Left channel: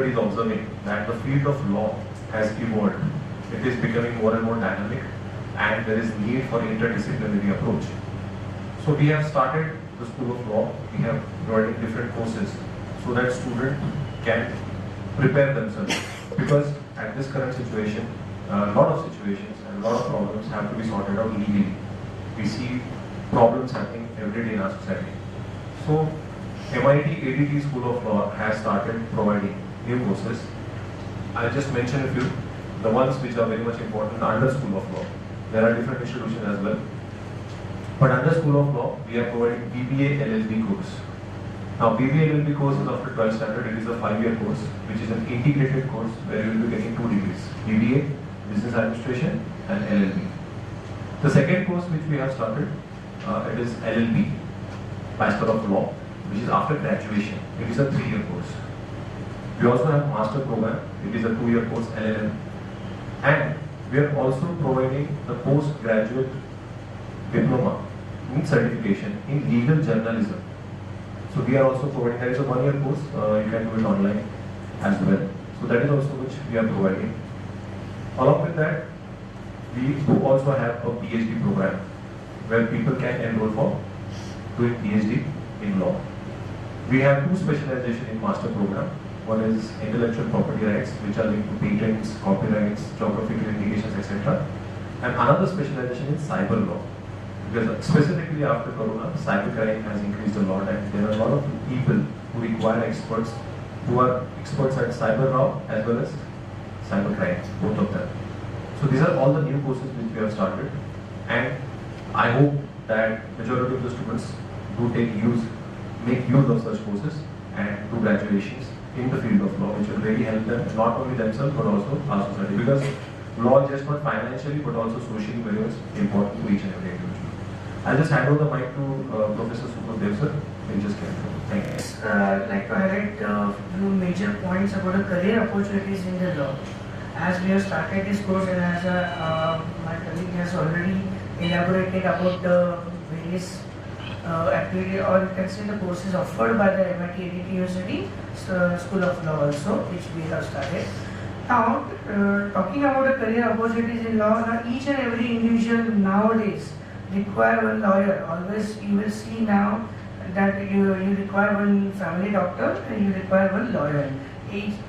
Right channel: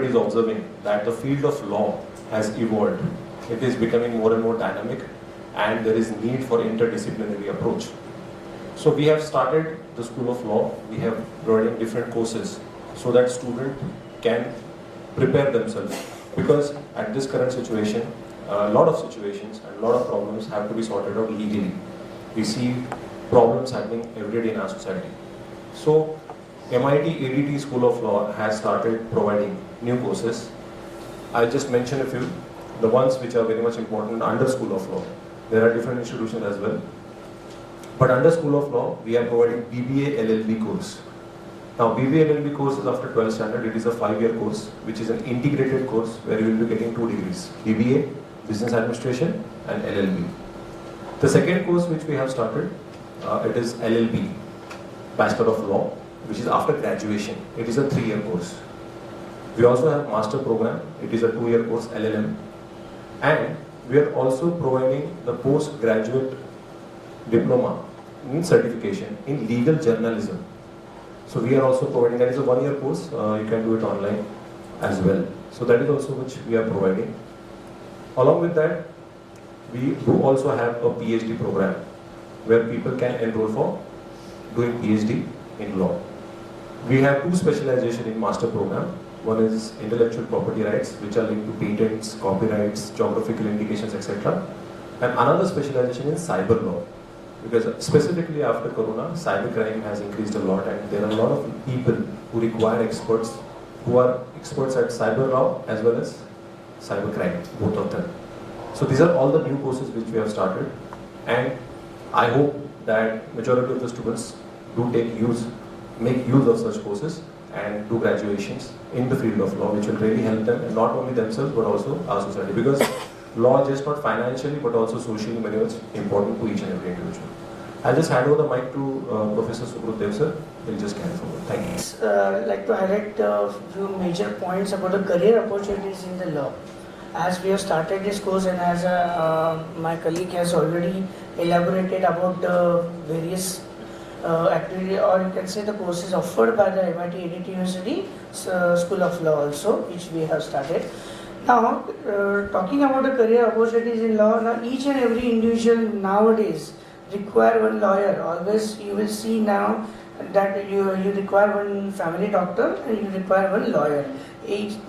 everybody is observing that the field of law has evolved. It is becoming more and more dynamic, and there is need for interdisciplinary approach. So we have started the School of Law. We have provided different courses so that students can prepare themselves. Because at this current situation, a lot of situations and a lot of problems have to be sorted out legally. We see problems happening every day in our society. So MIT ADT School of Law has started providing new courses. I'll just mention a few, the ones which are very much important under School of Law. There are different institutions as well. But under School of Law, we are providing BBA LLB course. Now BBA LLB course is after 12th standard. It is a 5-year course, which is an integrated course where you will be getting 2 degrees. BBA, Business Administration, and LLB. The second course which we have started, it is LLB, Bachelor of Law, which is after graduation. It is a 3-year course. We also have Master Program. It is a 2-year course, LLM. And we are also providing the postgraduate diploma in certification in legal journalism. So we are also providing, that is a 1-year course, you can do it online as well. So that is also which we are providing. Along with that, we do also have a PhD program where people can enroll for doing PhD in law. We have 2 specializations in master program. One is intellectual property rights, which are linked to patents, copyrights, geographical indications, etc. And another specialization in cyber law. Because specifically after Corona, cybercrime has increased a lot, and there are a lot of people who require experts who are experts at cyber law as well as cybercrime, both of them. So these are all the new courses which we have started, and I hope that majority of the students do make use of such courses and do graduations in the field of law, which will really help them, not only themselves but also our society. Because law just not financially but also socially very much important to each and every individual. I'll just hand over the mic to Professor Subudh sir. We'll just carry forward. Thank you. I'd like to highlight a few major points about the career opportunities in the law. As we have started this course, and as my colleague has already elaborated about the various activity, or you can say the courses offered by the MIT ADT University School of Law also, which we have started. Now, talking about the career opportunities in law, now each and every individual nowadays require one lawyer. Always you will see now that you require one family doctor and you require one lawyer.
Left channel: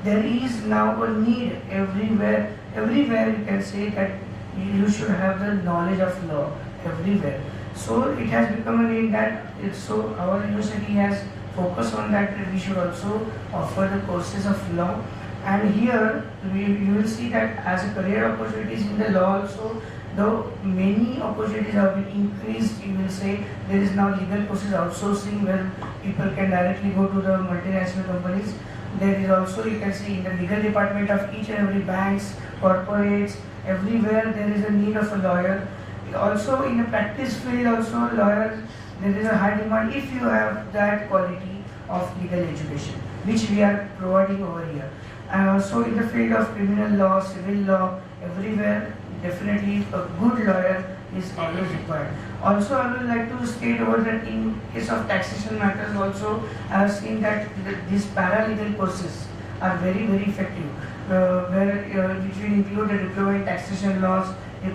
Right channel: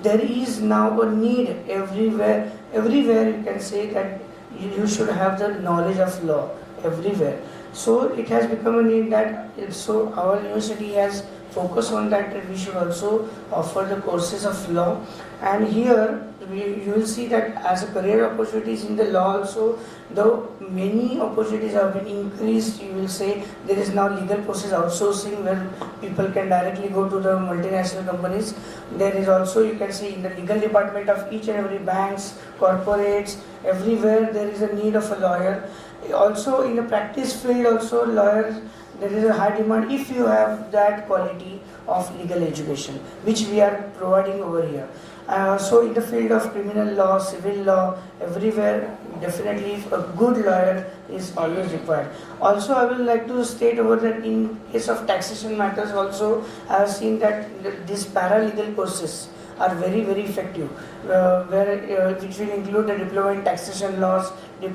There is now a need everywhere you can say that you should have the knowledge of law everywhere. So it has become a need that so our university has focused on that we should also offer the courses of law. And here you will see that as a career opportunities in the law also, though many opportunities have been increased, you will say there is now legal courses outsourcing where people can directly go to the multinational companies. There is also, you can see in the legal department of each and every banks, corporates, everywhere there is a need of a lawyer. Also in the practice field also lawyers, there is a high demand if you have that quality of legal education, which we are providing over here. So in the field of criminal law, civil law, everywhere, definitely a good lawyer is always required. Also, I would like to state over that in case of taxation matters also, I have seen that these paralegal courses are very, very effective, which will include the diploma in taxation laws.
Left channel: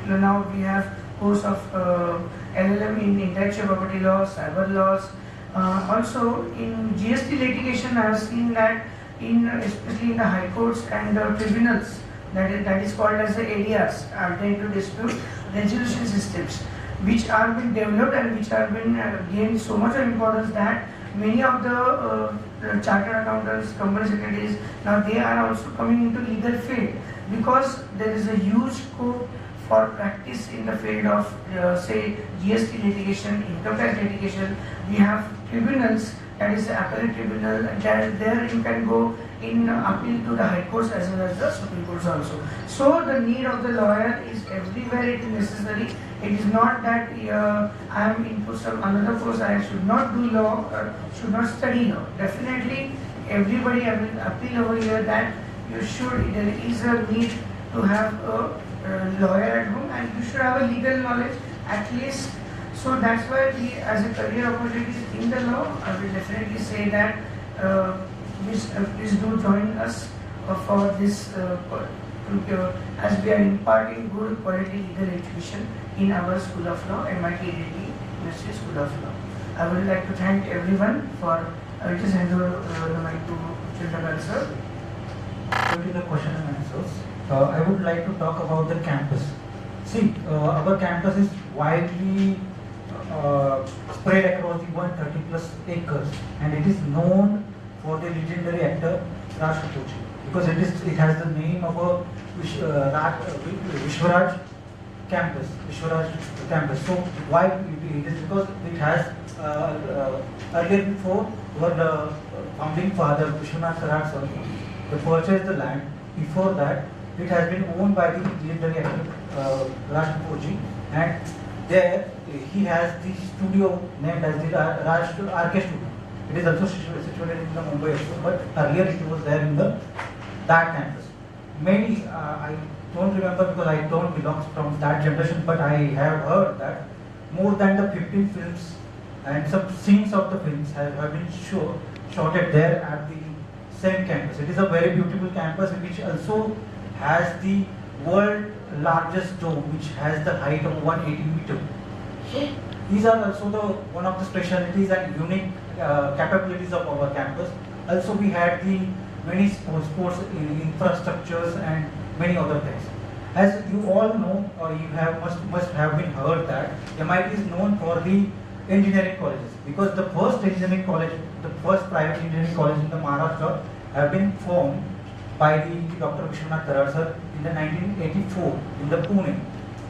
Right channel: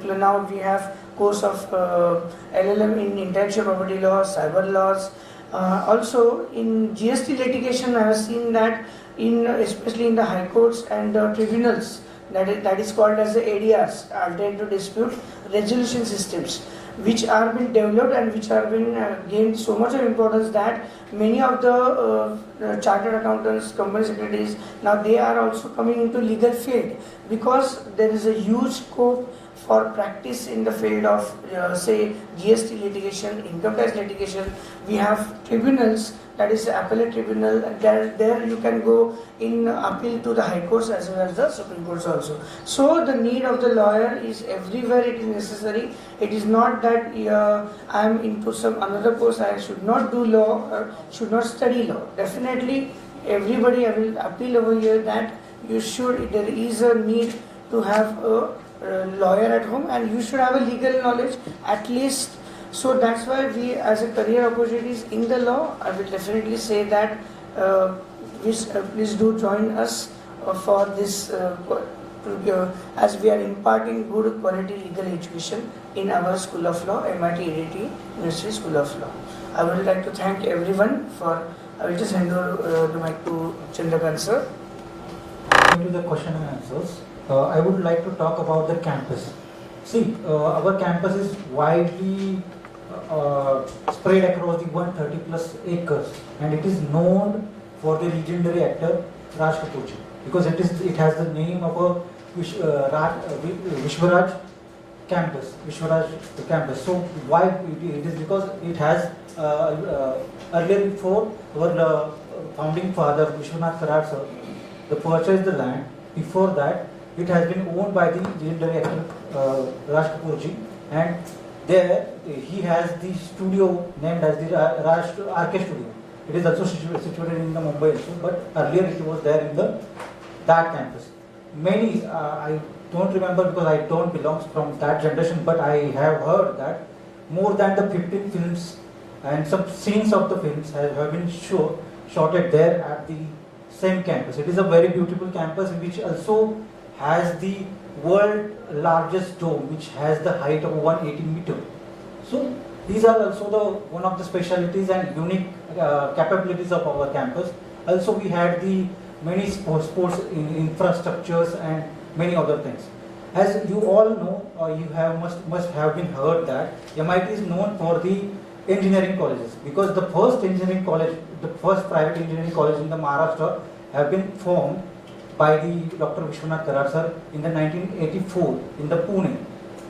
Now we have course of LLM in intellectual property law, cyber laws. Also in GST litigation, I have seen that especially in the high courts and tribunals, that is called as the ADRs, alternative dispute resolution systems, which are being developed and which have been gained so much of importance that many of the chartered accountants, company secretaries, now they are also coming into legal field because there is a huge scope for practice in the field of say GST litigation, income tax litigation. We have tribunals, that is the appellate tribunal, there you can go in appeal to the high courts as well as the Supreme Courts also. So the need of the lawyer is everywhere it is necessary. It is not that I am into some another course, I should not do law, should not study law. Definitely everybody, I will appeal over here that you should, there is a need to have a lawyer at home and you should have a legal knowledge at least. So that's why we as a career opportunities in the law, I will definitely say that please do join us for this, as we are imparting good quality legal education in our School of Law, MIT ADT University School of Law. I would like to thank everyone for. I will just hand over the mic to Chandrakant sir. Going to the question and answers, I would like to talk about the campus. See, our campus is widely spread across the 130 plus acres, and it is known for the legendary actor Raj Kapoor ji, because it has the name of a Vishwaraj campus. So why it is because it has earlier before our founding father Vishwanath Karad sir, they purchased the land. Before that, it has been owned by the legendary actor Raj Kapoor ji, and there he has the studio named as the Raj RK Studio. It is also situated in the Mumbai, but earlier it was there in that campus. Many I don't remember because I don't belong from that generation, but I have heard that more than the 15 films and some scenes of the films have been shot there at the same campus. It is a very beautiful campus which also has the world largest dome, which has the height of 180 meters. So these are also one of the specialties and unique capabilities of our campus. Also, we had the many sports infrastructures and many other things. As you all know, or you must have been heard that MIT is known for the engineering colleges, because the first private engineering college in the Maharashtra have been formed by the Dr. Vishwanath Karad sir in the 1984 in the Pune.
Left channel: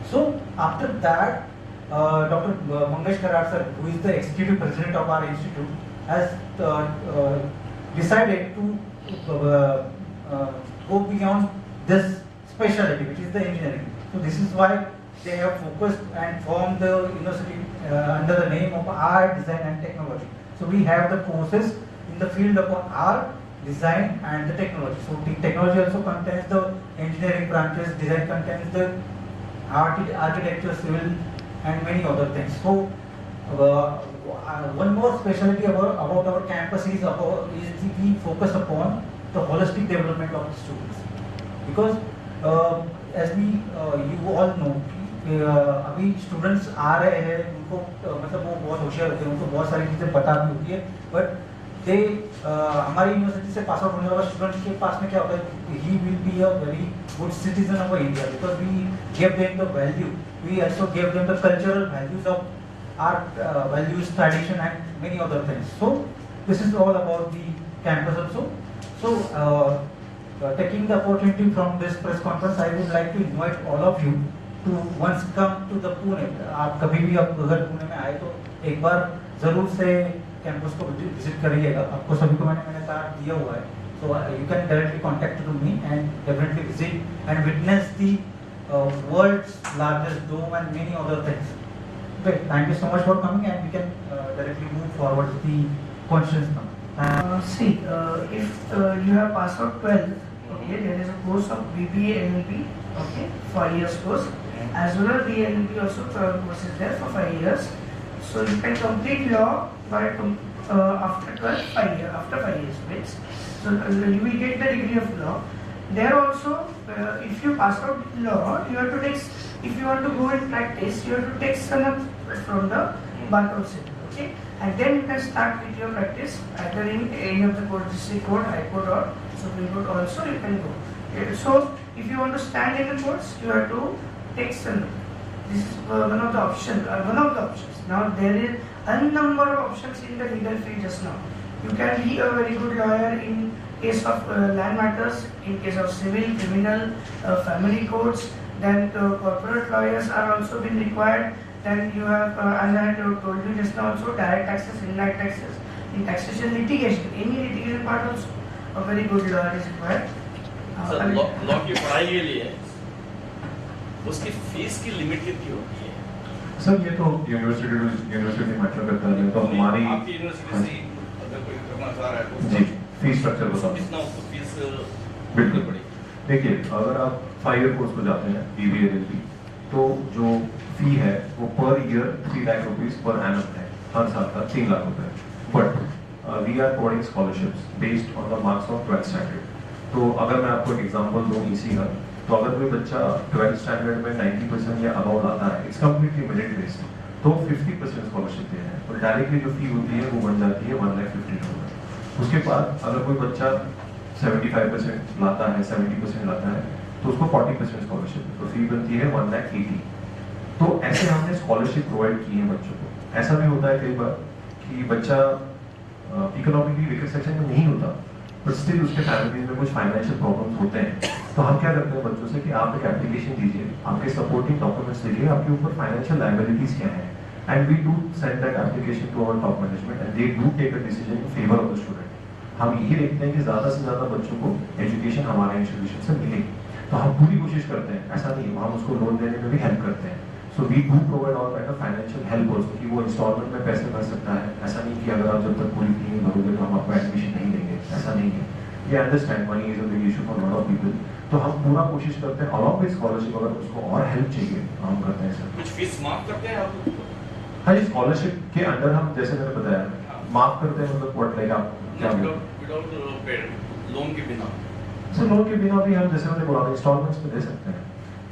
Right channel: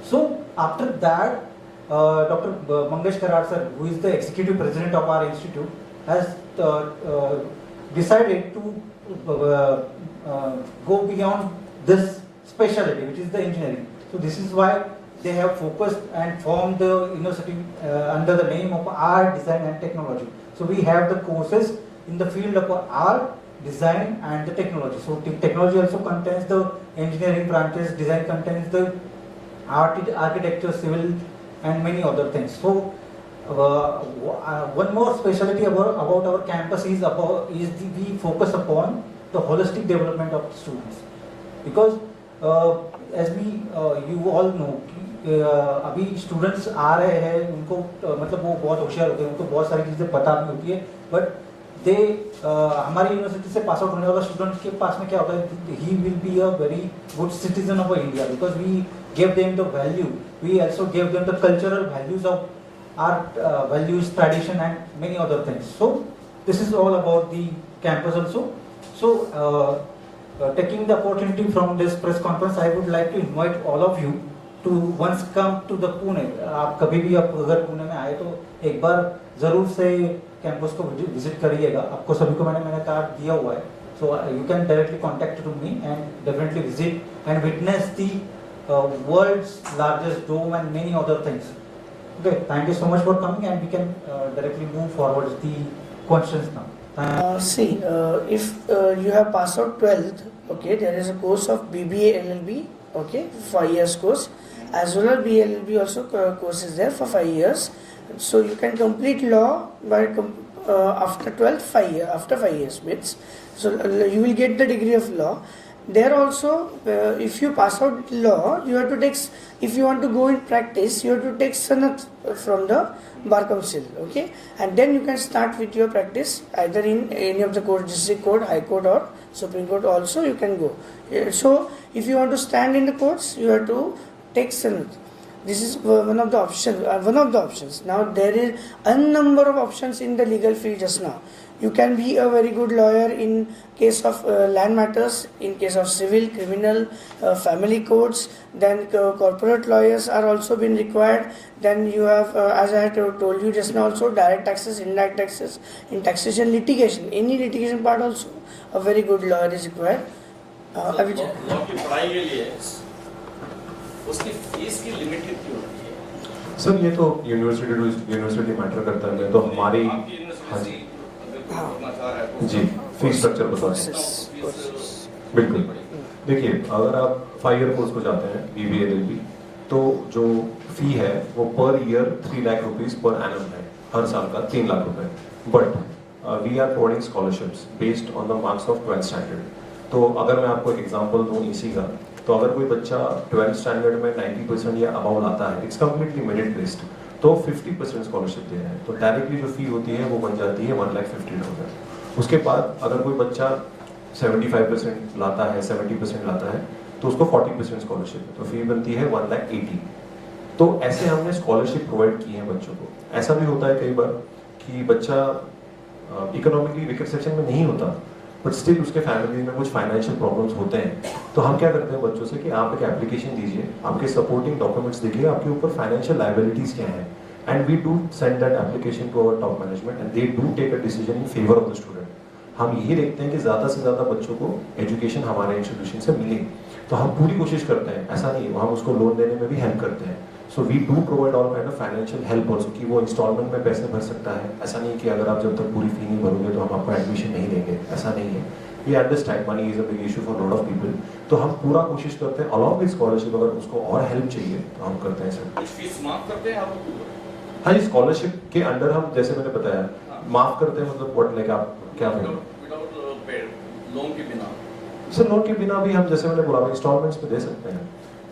So after that, Dr. Mangesh Karad sir, who is the executive president of our institute, has decided to go beyond this specialty, which is the engineering. So this is why they have focused and formed the university under the name of art, design and technology. So we have the courses in the field of art, design and the technology. So the technology also contains the engineering branches, design contains the architecture, civil and many other things. So one more specialty about our campus is we focus upon the holistic development of the students, because as you all know, अभी स्टूडेंट्स आ रहे हैं, उनको मतलब वो बहुत होशियार होते हैं, उनको बहुत सारी चीज़ें पता भी होती है, बट हमारी यूनिवर्सिटी से पास आउट होने वाला स्टूडेंट के पास में क्या होता है, he will be a very good citizen of India, because we give them the value, we also give them the cultural values of art, values, tradition and many other things. So this is all about the campus also. So taking the opportunity from this press conference, I would like to invite all of you to once come to the Pune. आप कभी भी आप अगर पुणे में आए तो एक बार जरूर से कैंपस को विजिट करिएगा. आपको सभी को मैंने कार्ड दिया हुआ है, so you can directly contact to me and definitely visit and witness the world's largest dome and many other things. Great, thank you so much for coming, and we can directly move forward with the questions now. See, if you have passed out 12th, okay, there is a course of BBA LLB, okay, 5 years course, as well as BLLB also course is there for 5 years. So you can complete law by after 12th, after 5 years means. So you will get the degree of law. There also, if you pass out law, you have to take, if you want to go in practice, you have to take sanat from the Bar Council, okay? And then you can start with your practice either in any of the courts, district court, high court or Supreme Court also you can go. So if you want to stand in the courts, you have to take sanat. This is one of the options. Now there is a number of options in the legal field just now. You can be a very good lawyer in case of land matters, in case of civil, criminal, family courts. Then corporate lawyers are also being required. Then you have, as I told you just now, also direct taxes, indirect taxes, in taxation, litigation. Any litigation part also, a very good lawyer is required. Law की पढ़ाई के लिए उसकी फीस की लिमिट कितनी होती है? सर ये तो यूनिवर्सिटी मैटर करता है, तो हमारी आपकी यूनिवर्सिटी करना चाह रहा है जी फीस स्ट्रक्चर बता दें. बिल्कुल, देखिए अगर आप 5 ईयर कोर्स पर जाते हैं BBA LLB, तो जो फी है वो per year 3 lakh rupees per annum है, हर साल का 3 लाख रुपए. But we are providing scholarships based on the marks of 12th standard. तो तो अगर मैं आपको एक एग्जांपल दूं इसी का, तो अगर कोई बच्चा 12th स्टैंडर्ड में 90% या अबाउट आता है, इट्स कम्प्लीटली मेरिट बेस्ड, तो 50% स्कॉलरशिप दे रहे हैं, तो डायरेक्टली जो फी होती है वो बन जाती है 1,50,000। उसके बाद अगर कोई बच्चा 75% लाता है, 70% लाता है, तो उसको 40% स्कॉलरशिप, तो फी बनती है 1,80,000। तो ऐसे हमने स्कॉलरशिप प्रोवाइड की है बच्चों को। ऐसा भी होता है कई बार कि बच्चा इकोनॉमिकली वीकर सेक्शन में नहीं होता, बट स्टिल उसके फैमिली में कुछ फाइनेंशियल प्रॉब्लम्स होते हैं, तो हम क्या करते हैं बच्चों से कि आप एक एप्लीकेशन दीजिए, आपके सपोर्टिंग डॉक्यूमेंट्स देखिए, आपके ऊपर फाइनेंशियल लायबिलिटीज क्या है, and we do send that application to our top management and they do take a decision in favour of the student. हम यही देखते हैं कि ज्यादा से ज्यादा बच्चों को एजुकेशन हमारे इंस्टीट्यूशन से मिले, तो हम पूरी कोशिश करते हैं, ऐसा नहीं हम उसको लोन देने में भी हेल्प करते हैं। So we do provide all kind of financial help also, कि वो इंस्टॉलमेंट में पैसे भर सकता है। ऐसा नहीं कि अगर आप जब तक पूरी फी नहीं भरोगे तो हम आपको एडमिशन नहीं देंगे, ऐसा नहीं है। We understand money is a big issue for lot of people, तो हम पूरा कोशिश करते हैं अलॉन्ग विद स्कॉलरशिप, अगर उसको और हेल्प चाहिए तो हम करते हैं इसमें। कुछ फीस माफ करते हैं आप? हाँ जी, स्कॉलरशिप के अंडर हम, जैसे मैंने बताया, माफ करते हैं, मतलब व्हाट लाइक आप क्या विदाउट पेड लोन के बिना? सर लोन के बिना भी हम, जैसे मैंने बोला, इंस्टॉलमेंट्स में दे सकते हैं।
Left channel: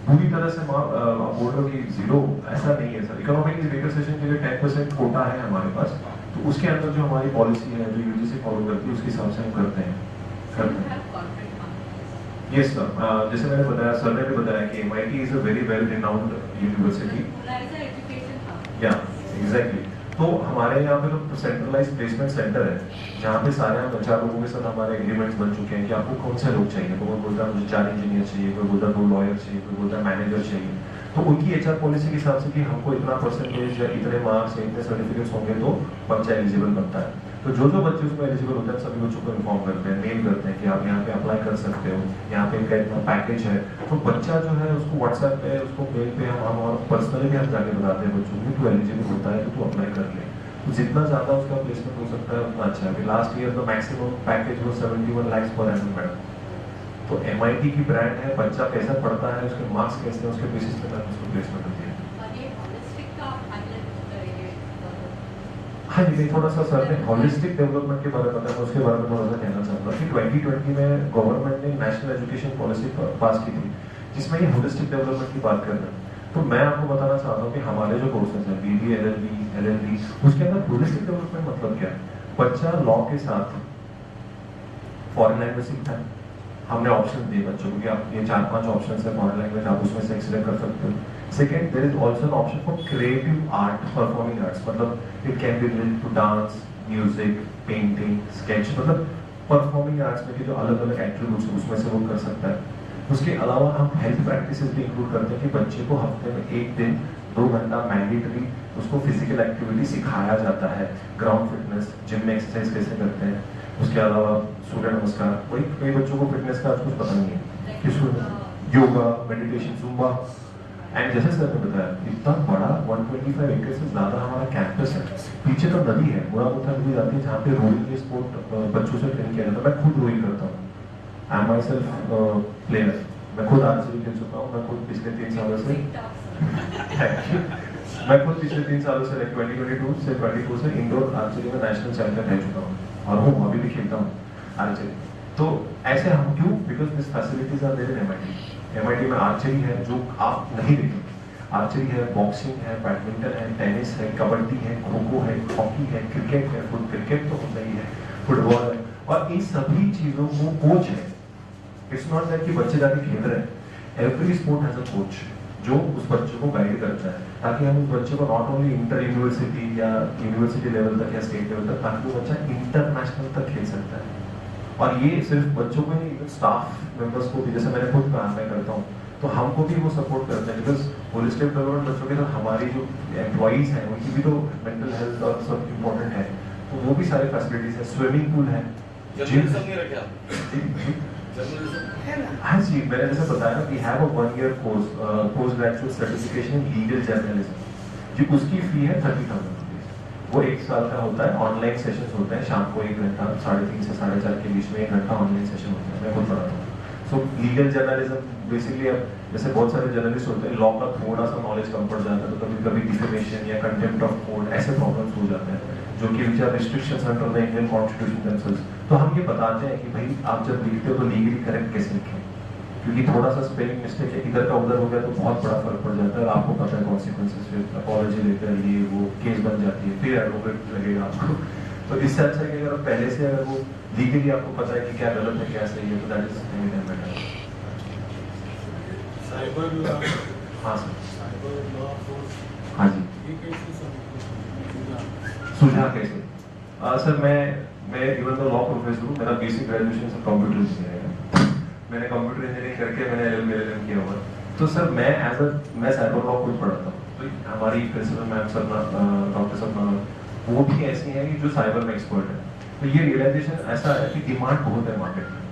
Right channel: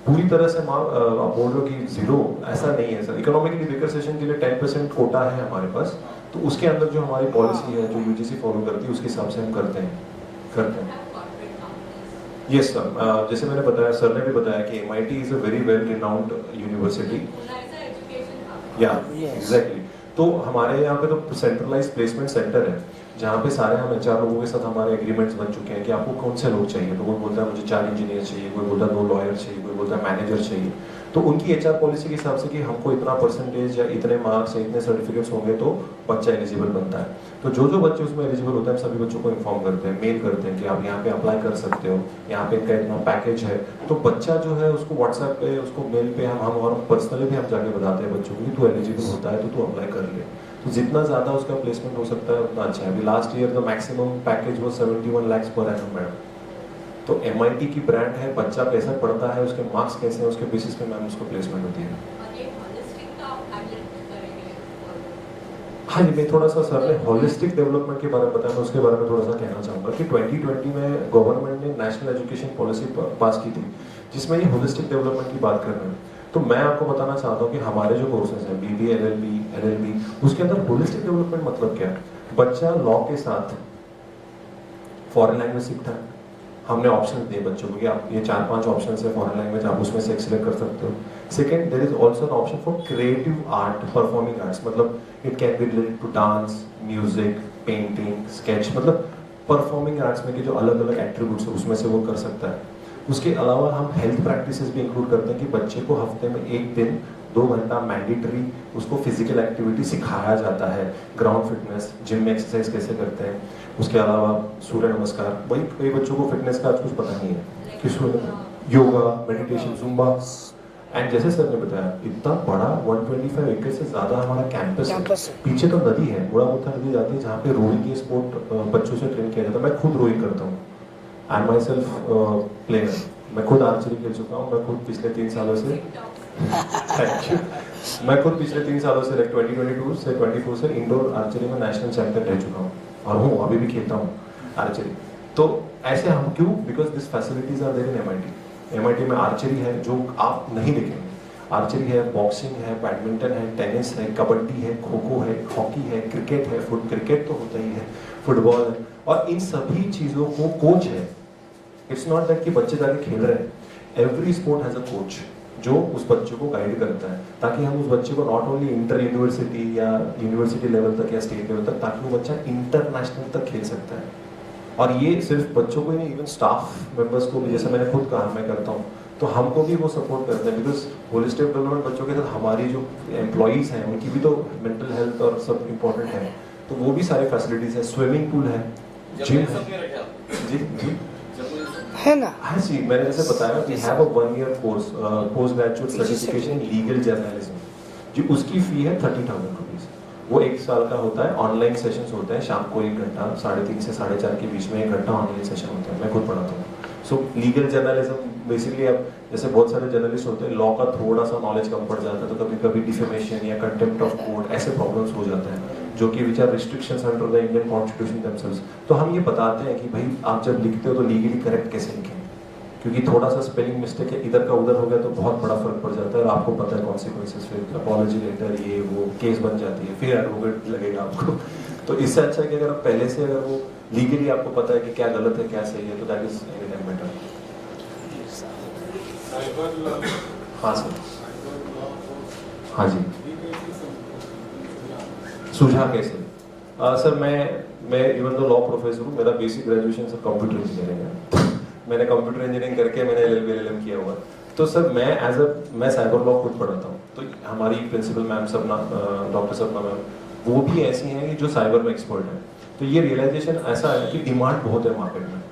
पूरी तरह से आप बोल लो कि जीरो, ऐसा नहीं है सर। इकोनॉमिकली वीकर सेक्शन के लिए 10% कोटा है हमारे पास, तो उसके अंदर जो हमारी पॉलिसी है, जो यूजीसी फॉलो करती है, उसके हिसाब से हम करते हैं। यस सर, जैसे मैंने बताया, सर ने भी बताया कि MIT is a very well renowned university. या एग्जैक्टली, तो हमारे यहाँ पे तो सेंट्रलाइज्ड प्लेसमेंट सेंटर है, जहाँ पे सारे हम HR लोगों के साथ हमारे एग्रीमेंट्स बन चुके हैं कि आपको कौन से लोग चाहिए। तो कोई बोलता है मुझे 4 इंजीनियर चाहिए, कोई बोलता है 2 लॉयर चाहिए, कोई बोलता है मैनेजर चाहिए। तो उनकी HR पॉलिसी के हिसाब से कि हमको इतना परसेंटेज या इतने मार्क्स या इतने सर्टिफिकेट्स होंगे तो बच्चा एलिजिबल बनता है। तो जो जो बच्चे उसमें एलिजिबल होते हैं, सभी बच्चों को इन्फॉर्म करते हैं, मेल करते हैं कि आप यहाँ पे अप्लाई कर सकते हो, यहाँ पे इनका इतना पैकेज है। तो बच्चा जो है उसको व्हाट्सएप पे, उसको मेल पे हम पर्सनली भी हम जाके बताते हैं बच्चों को, तू एलिजिबल होता है तो तू अप्लाई कर ले। तो जितना ज्यादा उसका प्लेसमेंट हो सकता है उतना अच्छा है। अभी last year the maximum package वो 71 lakhs पर एनम मैडम। तो MIT की ब्रांड है, बच्चा कैसा पढ़ता है, उसके मार्क्स कैसे हैं, उसके बेसिस पे मैम उसको प्लेसमेंट होती है। हाँ जी, मैं थोड़ा सा, सर ने होलिस्टिक डेवलपमेंट के बारे में बताया, मैं उसके बारे में थोड़ा सा कहना चाहूँगा कि 2020 में गवर्नमेंट ने नेशनल एजुकेशन पॉलिसी पास की थी, जिसमें ये होलिस्टिक डेवलपमेंट की बात कर रहे हैं। तो मैं आपको बताना चाहता हूँ कि हमारे जो कोर्सेज हैं, BD, LLB, उसके अंदर होलिस्टिक डेवलपमेंट मतलब क्या है? बच्चा लॉ के साथ फॉरेन लैंग्वेज सीखता है। हमने ऑप्शन दिए बच्चों को कि आप ये 4-5 ऑप्शन है फॉरेन लैंग्वेज, आप उसमें से सिलेक्ट कर सकते हो। Second, there is also an option for creative art, performing arts, मतलब it can be related to dance, music, painting, sketch, मतलब परफॉर्मिंग आर्ट्स में के जो अलग अलग एट्रीब्यूट्स है उसमें से वो कर सकता है। उसके अलावा हम हेल्थ प्रैक्टिसेस भी इंक्लूड करते हैं कि बच्चे को हफ्ते में 1 दिन 2 घंटा मैंडेटरी उसको फिजिकल एक्टिविटी सिखाया जाता है, ग्राउंड फिटनेस, जिम में एक्सरसाइज कैसे करते हैं। उसके अलावा सूर्य नमस्कार, वही कई बच्चों को फिटनेस का कुछ पता नहीं है कि योगा, मेडिटेशन, जुम्बा। एंड जैसे सर ने बताया, इतना बड़ा 125 एकड़ से ज्यादा हमारा कैंपस है। पीछे तो नदी है, बड़ा मोटा नदी जाती है, जहाँ पे रोइंग के स्पोर्ट बच्चों से ट्रेन किया जाता है। मैं खुद रोइंग करता हूँ, I am my self player. मैं खुद आर्चरी खेल चुका हूँ। मैं खुद पिछले 3 सालों से मैं खुद पिछले 3 सालों से 2022 से 24 से इंडोर आर्चरी में नेशनल चैंपियन रह चुका हूँ और हूँ, अभी भी खेलता हूँ आर्चरी। तो ऐसे हम क्यों? Because this facilities are there in MIT में आर्चरी है जो आप नहीं देखेंगे। आर्चरी है, बॉक्सिंग है, बैडमिंटन है, टेनिस है, कबड्डी है, खो-खो है, हॉकी है, क्रिकेट है, क्रिकेट तो होता ही है, फुटबॉल है, और इन सभी चीजों को कोच है। इट्स नॉट दैट कि बच्चे जाके खेल रहे हैं। Every sport has a coach जो उस बच्चे को गाइड करता है, ताकि हम उस बच्चे को नॉट ओनली इंटर यूनिवर्सिटी या यूनिवर्सिटी लेवल तक या स्टेट लेवल तक, ताकि वो बच्चा इंटरनेशनल तक खेल सकता है। और ये सिर्फ बच्चों को ही नहीं, इवन स्टाफ मेंबर्स को भी, जैसे मैंने खुद कहा मैं करता हूँ, तो हमको भी वो सपोर्ट करते हैं। बिकॉज होलिस्टिक डेवलपमेंट बच्चों के साथ हमारी जो एम्प्लॉइज हैं उनकी भी तो मेंटल हेल्थ और सब इम्पोर्टेंट है, तो वो भी सारे फैसिलिटीज है। स्विमिंग पूल है, जिम है ना। हाँ जी, मैंने जैसे बताया we have a 1 year course, post graduate certification in legal journalism, जी उसकी फी है 30,000 रुपीज। वो 1 साल का होता है। ऑनलाइन सेशंस होते हैं शाम को 1 घंटा, 3:30 से 4:30 के बीच में 1 घंटा ऑनलाइन सेशन होता है। मैं खुद पढ़ाता हूँ। सो लीगल जर्नलिज्म बेसिकली, अब जैसे बहुत सारे जर्नलिस्ट होते हैं, लॉ का थोड़ा सा नॉलेज कम पड़ जाता है, तो कभी कभी डिफेमेशन या कंटेम्प्ट ऑफ कोर्ट ऐसे प्रॉब्लम्स हो जाते हैं। जो कि which are restrictions under the Indian constitution themselves. तो हम ये बताते हैं कि भाई आप जब लिखते हो तो लीगली करेक्ट कैसे लिखें, क्योंकि थोड़ा सा स्पेलिंग मिस्टेक है इधर का उधर हो गया तो बहुत बड़ा फर्क पड़ जाता है और आपको पता है कॉन्सिक्वेंसेस, फिर अपॉलॉजी लेकर ये वो केस बन जाती है, फिर एडवोकेट लगेगा आपको। तो इससे अच्छा है कि अगर आप पहले से अगर वो लीगली आपको पता है कि क्या गलत है क्या सही है, तो that is any time better. Cyber law, हाँ सर। साइबर लॉ फोर्स, हाँ जी। ये कैसे सुझाव कैसे? सर मैं इवन तो लॉ प्रोफेसर हूँ, मेरा basic graduation sir computer engineering है, मैंने कंप्यूटर इंजीनियरिंग करके मैंने LLM किया हुआ। तो सर मैं साइबर लॉ खुद पढ़ाता हूँ, तो हमारी प्रिंसिपल मैम सब डॉक्टर सब वो भी ऐसी हैं कि जो साइबर में एक्सपर्ट है। तो ये रियलाइजेशन ऐसा है कि डिमांड बहुत है मार्केट में।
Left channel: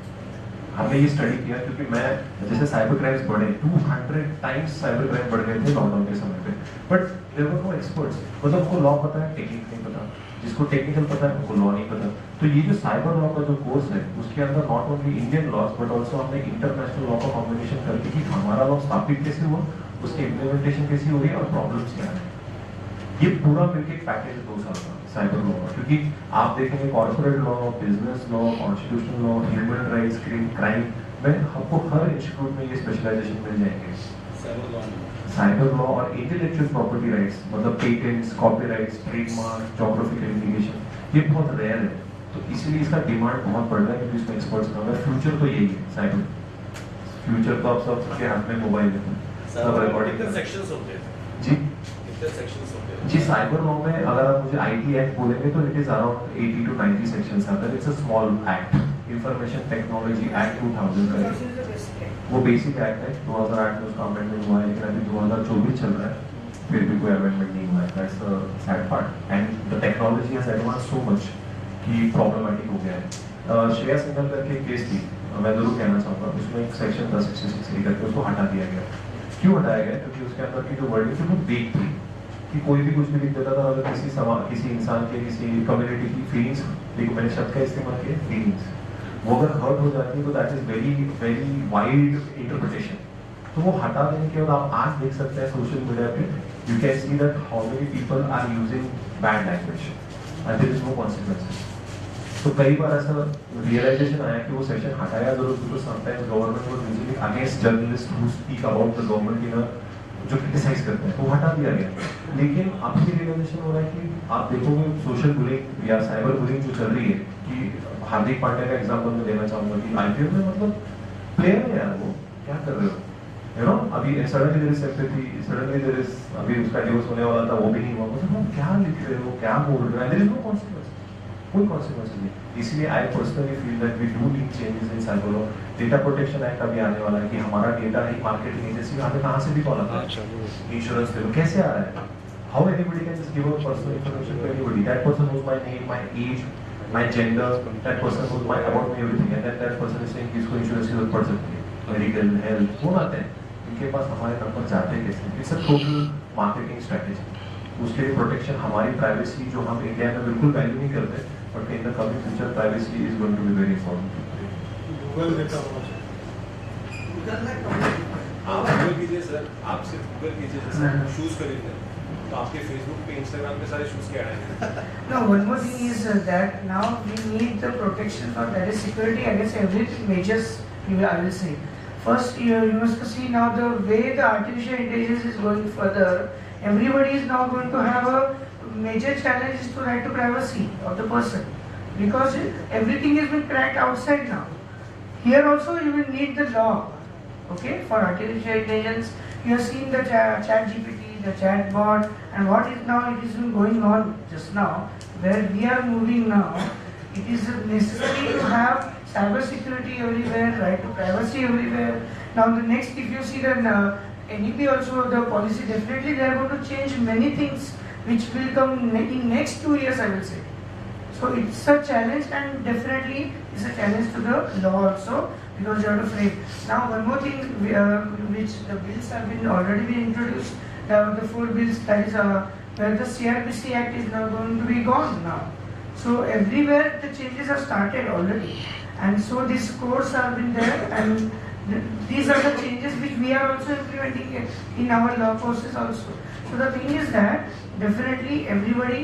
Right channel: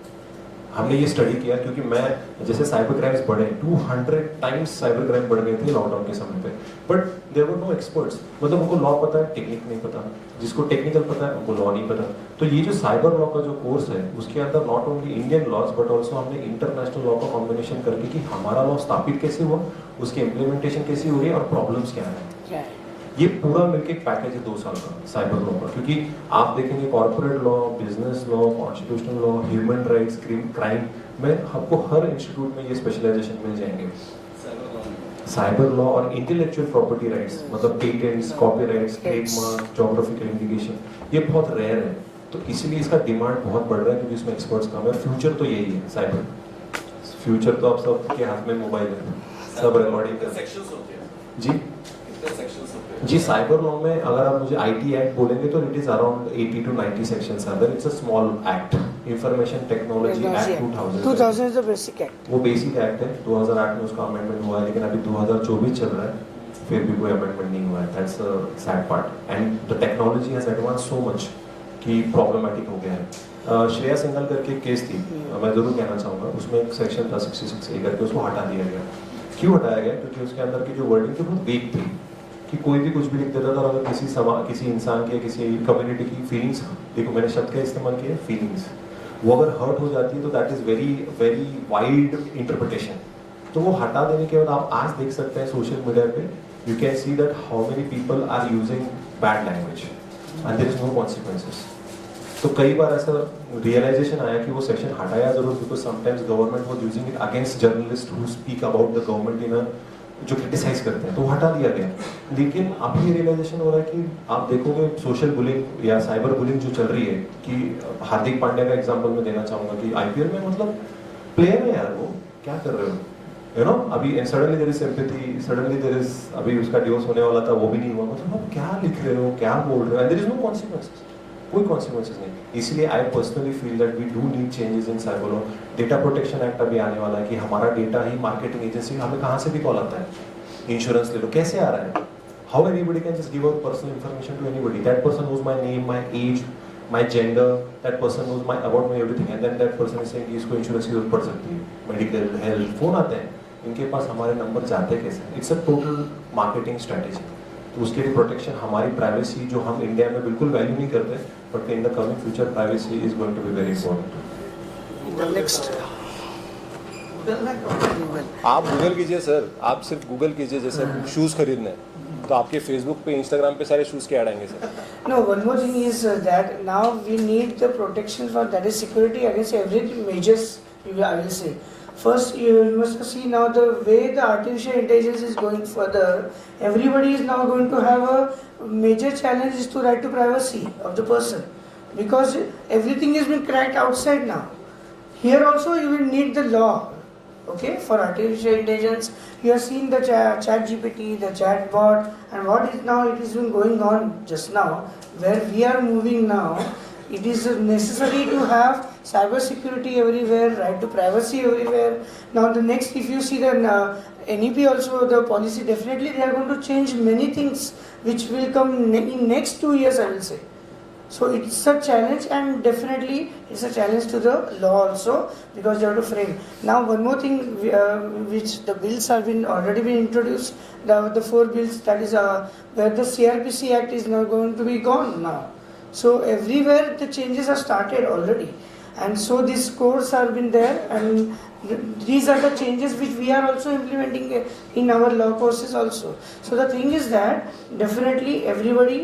हमने ये स्टडी किया क्योंकि मैं जैसे साइबर क्राइम्स बढ़े 200 टाइम्स साइबर क्राइम बढ़ गए थे लॉकडाउन के समय पे, but there were no experts. मतलब उनको लॉ पता है, टेक्निक नहीं पता, जिसको टेक्निकल पता है वो लॉ नहीं पता। तो ये जो साइबर लॉ का जो कोर्स है उसके अंदर not only Indian laws but also हमने इंटरनेशनल लॉ का कॉम्बिनेशन करके कि हमारा लॉ स्थापित कैसे हुआ, उसकी इम्प्लीमेंटेशन कैसी हो रही है और प्रॉब्लम्स क्या है। ये पूरा मिलके एक पैकेज है 2 साल का साइबर लॉ का, क्योंकि आप देखेंगे corporate law, business law, constitutional law, human rights, crime में आपको हर इंस्टीट्यूट में ये स्पेशलाइजेशन मिल जाएंगे। साइबर लॉ और इंटेलेक्चुअल प्रॉपर्टी राइट्स, मतलब patents, copyrights, trademark, geographical indication, ये बहुत रेयर है। तो इसलिए इसका डिमांड बहुत बढ़ रहा है क्योंकि इसमें एक्सपर्ट्स कम है। फ्यूचर तो यही है साइबर, फ्यूचर तो आप सबके हाथ में मोबाइल है, सब रिकॉर्डिंग कर सेक्शंस होते हैं जी। सेक्शंस होते हैं जी साइबर लॉ में अगर आप मुझे IT एक्ट बोलेंगे तो it is around 80 to 90 sections are there. It's a small act, information technology act 2000 is the basic act. वो बेसिक एक्ट है। 2008 में उसका अमेंडमेंट हुआ है, लेकिन अभी 2024 चल रहा है, फिर भी कोई अमेंडमेंट नहीं हुआ है। That's a sad part and the technology has advance so much कि प्रॉब्लमेटिक हो गया है। श्रेया सिंघल करके एक केस थी, मैं जरूर कहना चाहूँगा, उसमें एक सेक्शन 1066 करके उसको हटा दिया गया। क्यों हटाया गया? क्योंकि उसके अंदर की जो वर्डिंग थी वो वेग थी कि कोई भी कुछ भी लिख देता था। अगर किसी इंसान के, किसी कम्युनिटी की फीलिंग्स, देखो मैंने शब्द का इस्तेमाल किया फीलिंग्स, वो अगर हर्ट हो जाती है तो that is very very wide interpretation. तो वो हटा देने के बाद आप आज देख सकते हैं सोशल मीडिया पे, you can see that how many people are using bad language and there is no consequences. तो कई बार ऐसा रियलाइजेशन आया कि वो सेक्शन हटाया जरूर, because sometimes government was using it against journalist who speak about the government in a, जो criticize करते हैं, तो हटा दिया गया। लेकिन अब ये रियलाइजेशन हो रहा है कि आप देखोगे सोशल बुलिंग या साइबर बुलिंग जो चल रही है, कि हार्दिक पांड्या का एग्जांपल मैं देना चाहूंगा कि IPL में मतलब प्लेयर है यार, वो क्या कर रहे हो, यू नो, अभी suddenly there is sympathy, suddenly there is, अभी उसका डिवोर्स होने वाला था, वो भी नहीं हुआ, मतलब क्या लिख रहे हो, क्या बोल रहे हो, देयर इज नो कॉन्सिक्वेंसेस, कोई कॉन्सिक्वेंसेस नहीं। इसलिए I personally feel that we do need changes in cyber law. Data protection act अभी आने वाला है कि हमारा डेटा ही मार्केटिंग एजेंसी में हमें कहाँ से भी कॉल आता है, इंश्योरेंस ले लो, कैसे आ रहा है, how anybody can just give out personal information to anybody, that person knows my name, my age, my gender, that person knows my about my everything, and then that person is saying इसको insurance की जरूरत पड़ सकती है, medical, health, phone आते हैं, इनके पास हमारे नंबर जाते कैसे? It's a total marketing strategy. उसके लिए प्रोटेक्शन, हमारी प्राइवेसी जो हम इंडिया में बिल्कुल वैल्यू नहीं करते, but in the coming future privacy is going to be very important. Google देता आप गूगल कीजिए सर, आप सिर्फ गूगल कीजिए, जैसे शूज़ खरीदने हैं तो आपके फेसबुक पे, इंस्टाग्राम पे सारे शूज़ के ऐड आएंगे sir. No, one more thing is that now we need the protection for, that is security against every measures, I will say. First, you must see now the way the artificial intelligence is going further, everybody is now going to have a major challenge is to right to privacy of the person, because everything is being cracked outside now. Here also you will need the law, okay, for artificial intelligence. You have seen the chat GPT, the chat bot, and what is now, it is going on just now, where we are moving now. It is necessary to have cyber security everywhere, right to privacy everywhere. Now the next, if you see the NEP also, the policy, definitely they are going to change many things which will come in next 2 years, I will say. So it's a challenge, and definitely it's a challenge to the law also, because you have to frame. Now one more thing, which the bills have been already been introduced, the 4 bills, that is where the CRPC Act is now going to be gone now. So everywhere the changes have started already, and so these codes have been there, and these are the changes which we are also implementing in our law courses also. So the thing is that definitely everybody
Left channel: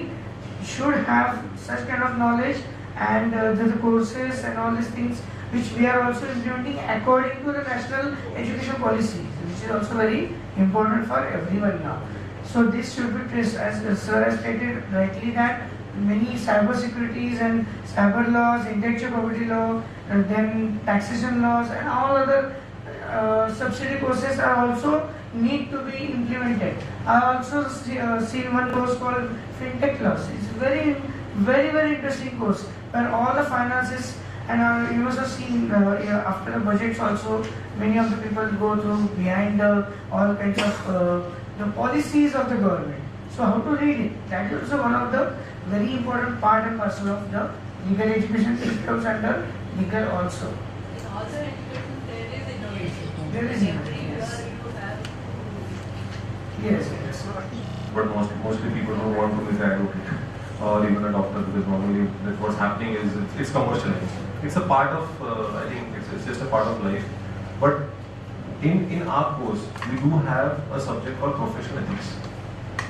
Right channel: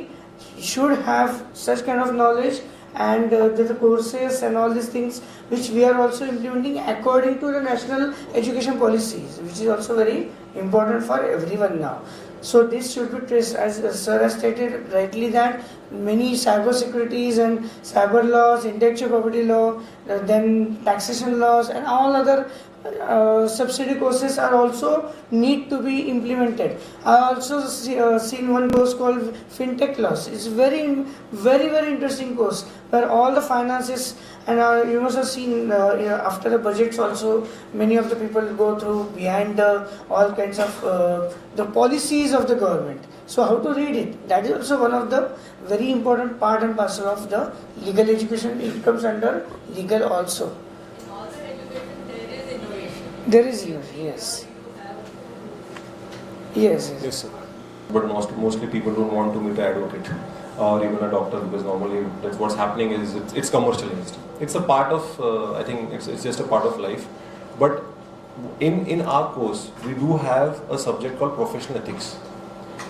should have such kind of knowledge, and the courses and all these things which we are also implementing according to the national education policies, which is also very important for everyone now. So this should be traced, as sir has stated rightly, that many cyber securities and cyber laws, intellectual property law, then taxation laws and all other subsidy courses are also need to be implemented. I also seen one course called FinTech laws. It's very interesting course where all the finances, and you must have seen after the budgets also, many of the people go through behind all kinds of the policies of the government. So how to read it? That is also one of the very important part and parcel of the legal education. It comes under legal also. In all the education there is innovation. There is innovation, yes. Yes. Yes, sir. But mostly people don't want to be the advocate or even a doctor, because normally that's what's happening is it's commercialized. It's a part of, I think it's just a part of life. But in our course, we do have a subject called professional ethics,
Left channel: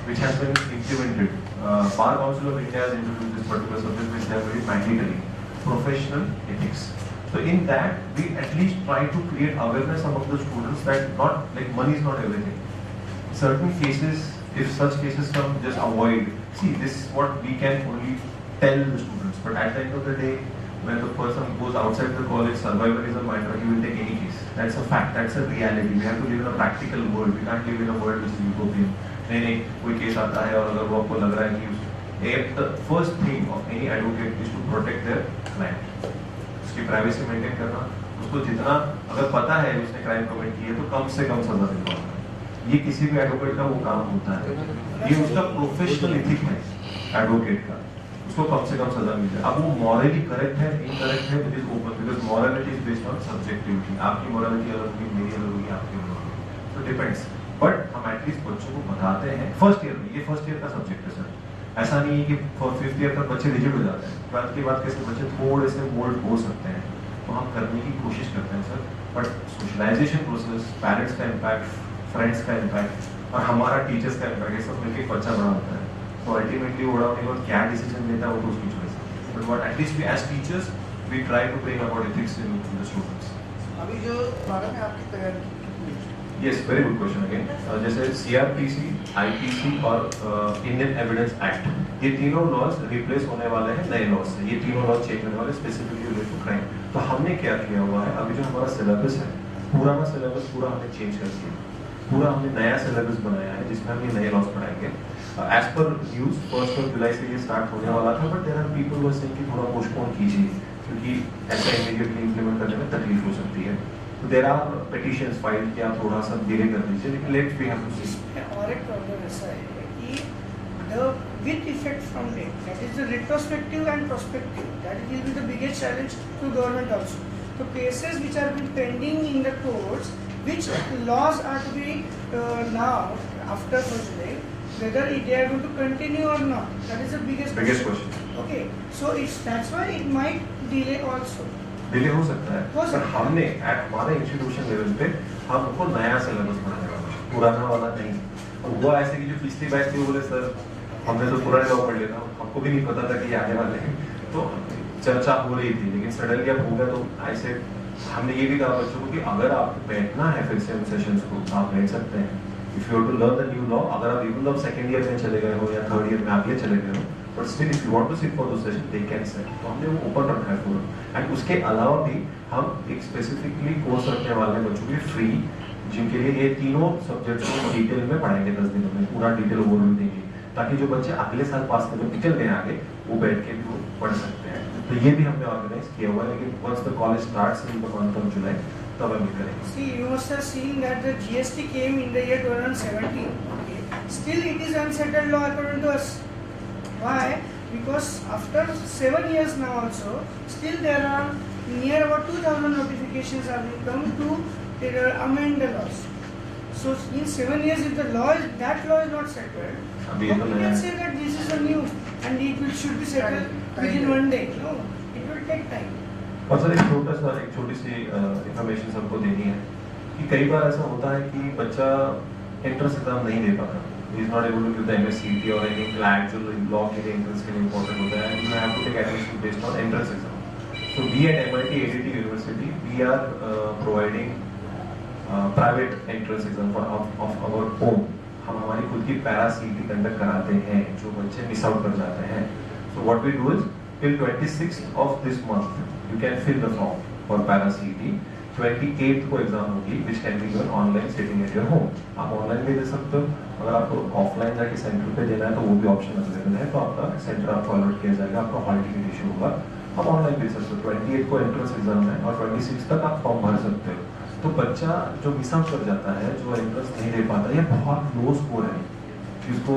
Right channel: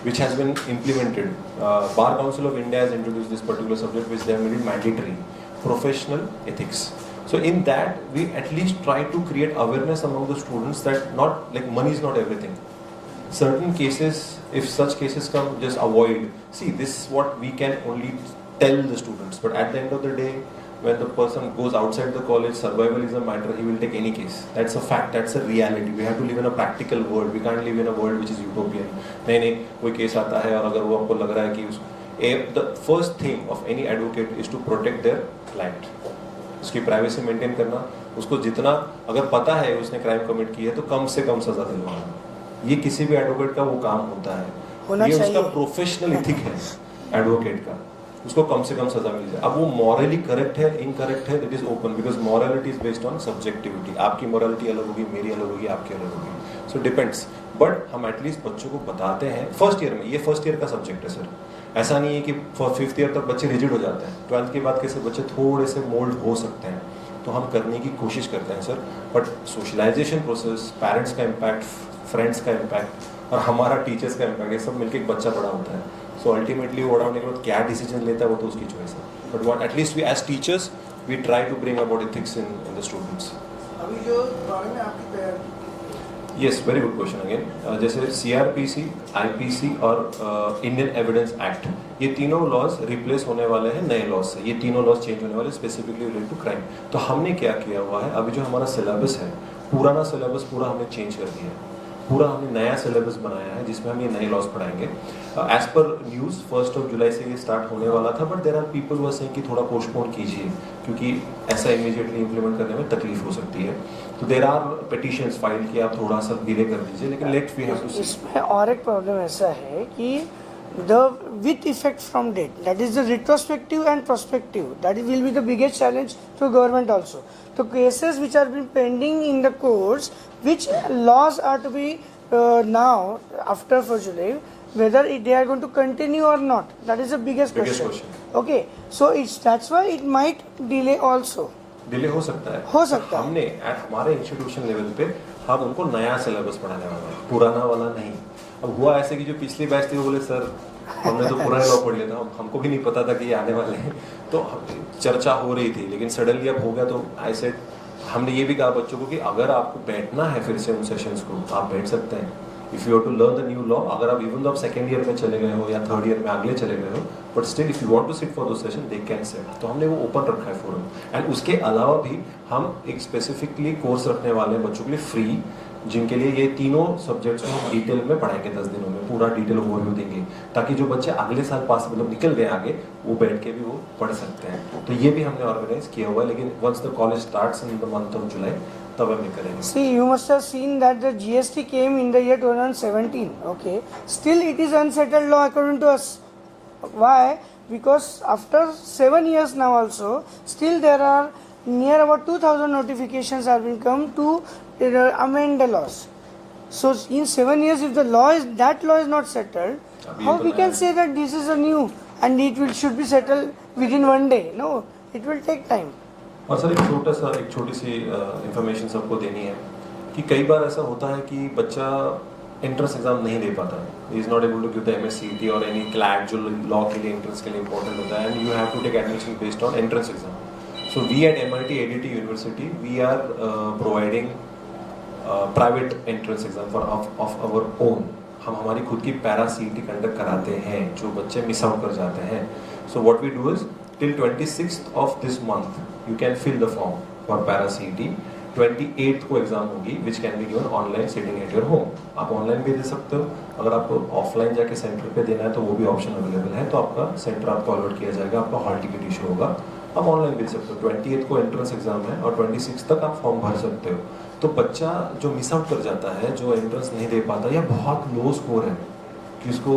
which has been implemented. Bar Council of India has introduced this particular subject, which they have made mandatory, professional ethics. So in that, we at least try to create awareness among the students that not like money is not everything. Certain cases, if such cases come, just avoid. See, this is what we can only tell the students. But at the end of the day, when the person goes outside the college, survival is a matter, he will take any case. That's a fact, that's a reality. We have to live in a practical world. We can't live in a world which is utopian. नहीं कोई केस आता है और अगर वो आपको लग रहा है कि the first thing of any advocate is to protect their client. उसकी प्राइवेसी मेंटेन करना, उसको जितना अगर पता है उसने क्राइम कमिट की है तो कम से कम सजा दिलवाना, ये किसी भी एडवोकेट का वो काम होता है। ये उसका प्रोफेशनल एथिक है एडवोकेट का, उसको कम से कम सजा मिल जाए। अब वो मॉरली करेक्ट है इनकरेक्ट है, it is open, because morality is based on subjectivity. आपकी मॉरलिटी अलग होगी, मेरी अलग होगी, आपकी अलग होगी, सो डिपेंड्स। बट हम एटलीस्ट बच्चों को बताते हैं फर्स्ट ईयर में, ये फर्स्ट ईयर का सब्जेक्ट है सर। ऐसा नहीं है कि फिफ्थ ईयर तक बच्चे रिजिड हो जाते हैं, 12th के बाद कैसे बच्चे थोड़े से मोल्ड हो सकते हैं, तो हम करने की कोशिश करते हैं sir. But socialisation process, parents का इम्पैक्ट, फ्रेंड्स का इम्पैक्ट और हमारा टीचर्स का इम्पैक्ट, ये सब मिलकर एक बच्चा बड़ा होता है। सो अल्टीमेटली वो क्या डिसीजन लेता है वो तो उसकी चॉइस है, but what at least we as teachers we try to bring about ethics in the students. अभी जो बारे में आपकी तैयारी, yes, very good question again. जैसे CRPC, IPC और इंडियन एविडेंस एक्ट, ये तीनों लॉज रिप्लेस होने वाले हैं नए लॉज से। ये तीनों लॉज चेंज होने वाले स्पेसिफिकली रिलेटेड टू क्राइम। तो हमने क्या किया हुआ है, अभी जो हमारा सिलेबस है, पुराना सिलेबस पूरा हमने चेंज कर दिया, पूरा हमने नया सिलेबस बनाया है जिसमें हम ये नए लॉज पढ़ाएंगे। एज पर न्यूज़ 1 जुलाई से ये स्टार्ट होने वाला था, but there are people who are saying कि थोड़ा पोस्टपोन कीजिए क्योंकि ऐसा इमीडिएटली इंप्लीमेंट करने में तकलीफ हो सकती है। तो देयर आर पिटिशंस फाइल कि आप थोड़ा सा डिले कर दीजिए, लेकिन let's we have to see. इसमें और एक प्रॉब्लम ऐसा है कि the with effect from date, that is the retrospective and prospective, that is will be the biggest challenge to government also. तो cases which are been pending in the courts, which laws are to be now after 1st July, whether they are going to continue or not, that is the biggest question. Okay, so that's why it might delay also. Delay हो सकता है, हो सकता है। हमने हमारे institution level पे हम उनको नया सिलेबस बनाने वाला है, पुराना वाला नहीं। अब हुआ ऐसे कि जो पिछली बैच थी वो बोले सर हमने तो पुराने लॉ पढ़ लिया था, हमको भी नहीं पता था कि ये आने वाले हैं, तो चर्चा हो रही थी, लेकिन सडनली अब हो गया। तो आई सेड, हमने ये भी कहा बच्चों को कि अगर आपको बैठना है फिर से उन सेशंस को, आप बैठ सकते हैं। If you have to learn the new law, अगर आप इवन दो सेकंड ईयर में चले गए हो या थर्ड ईयर में आगे चले गए हो, but still if you want to sit for those session they can sit. तो हमने वो ओपन रखा है फोरम। एंड उसके अलावा भी हम एक स्पेसिफिकली कोर्स रखने वाले हैं बच्चों के लिए फ्री, जिनके लिए ये तीनों सब्जेक्ट्स को डिटेल में पढ़ाएंगे, 10 दिनों में पूरा डिटेल ओवरव्यू देंगे, ताकि जो बच्चे अगले साल पास मतलब निकल गए आगे, वो बैठ के भी वो पढ़ सकते हैं। तो ये भी हमने ऑर्गेनाइज किया हुआ है, लेकिन once the college starts in the month of July तब हम करेंगे। See, you must have seen that the GST came in the year 2017. Okay, still it is unsettled law according to us. Why? Because after 7 years now also, still there are near about 2,000 notifications have been come to amend the laws. So in 7 years, if the law is not settled, how we can say that this is a new and it should be settled within 1 day? No, it will take time. और सर एक छोटी सी इंफॉर्मेशन सबको देनी है कि कई बार ऐसा होता है कि बच्चा एंट्रेंस एग्जाम नहीं दे पाता, he is not able to give the MSCT or any CLAT जो law के लिए entrance के लिए important होता है, and you have to take admission based on entrance exam. So we at MIT ADT University, we are providing private entrance exam for of our own. हम हमारी खुद की पैरा CET कंडक्ट कराते हैं जो बच्चे मिस आउट कर जाते हैं. So what we do is till 26th of this month you can fill the form for para CET. 28th को एग्जाम होगी which can be given online sitting at your home. आप ऑनलाइन भी दे सकते हो. अगर आपको ऑफलाइन जाके सेंटर पे देना है तो वो भी ऑप्शन अवेलेबल है. तो आपका सेंटर आपको अलॉट किया जाएगा, आपका हॉल टिकट इशू होगा, आप ऑनलाइन भी दे सकते हो. 28th को एंट्रेंस एग्जाम है और 26 तक आप फॉर्म भर सकते हो. तो बच्चा जो मिस आउट कर जाता है, जो एंट्रेंस नहीं दे पाता, या बहुत लो स्कोर है जिसको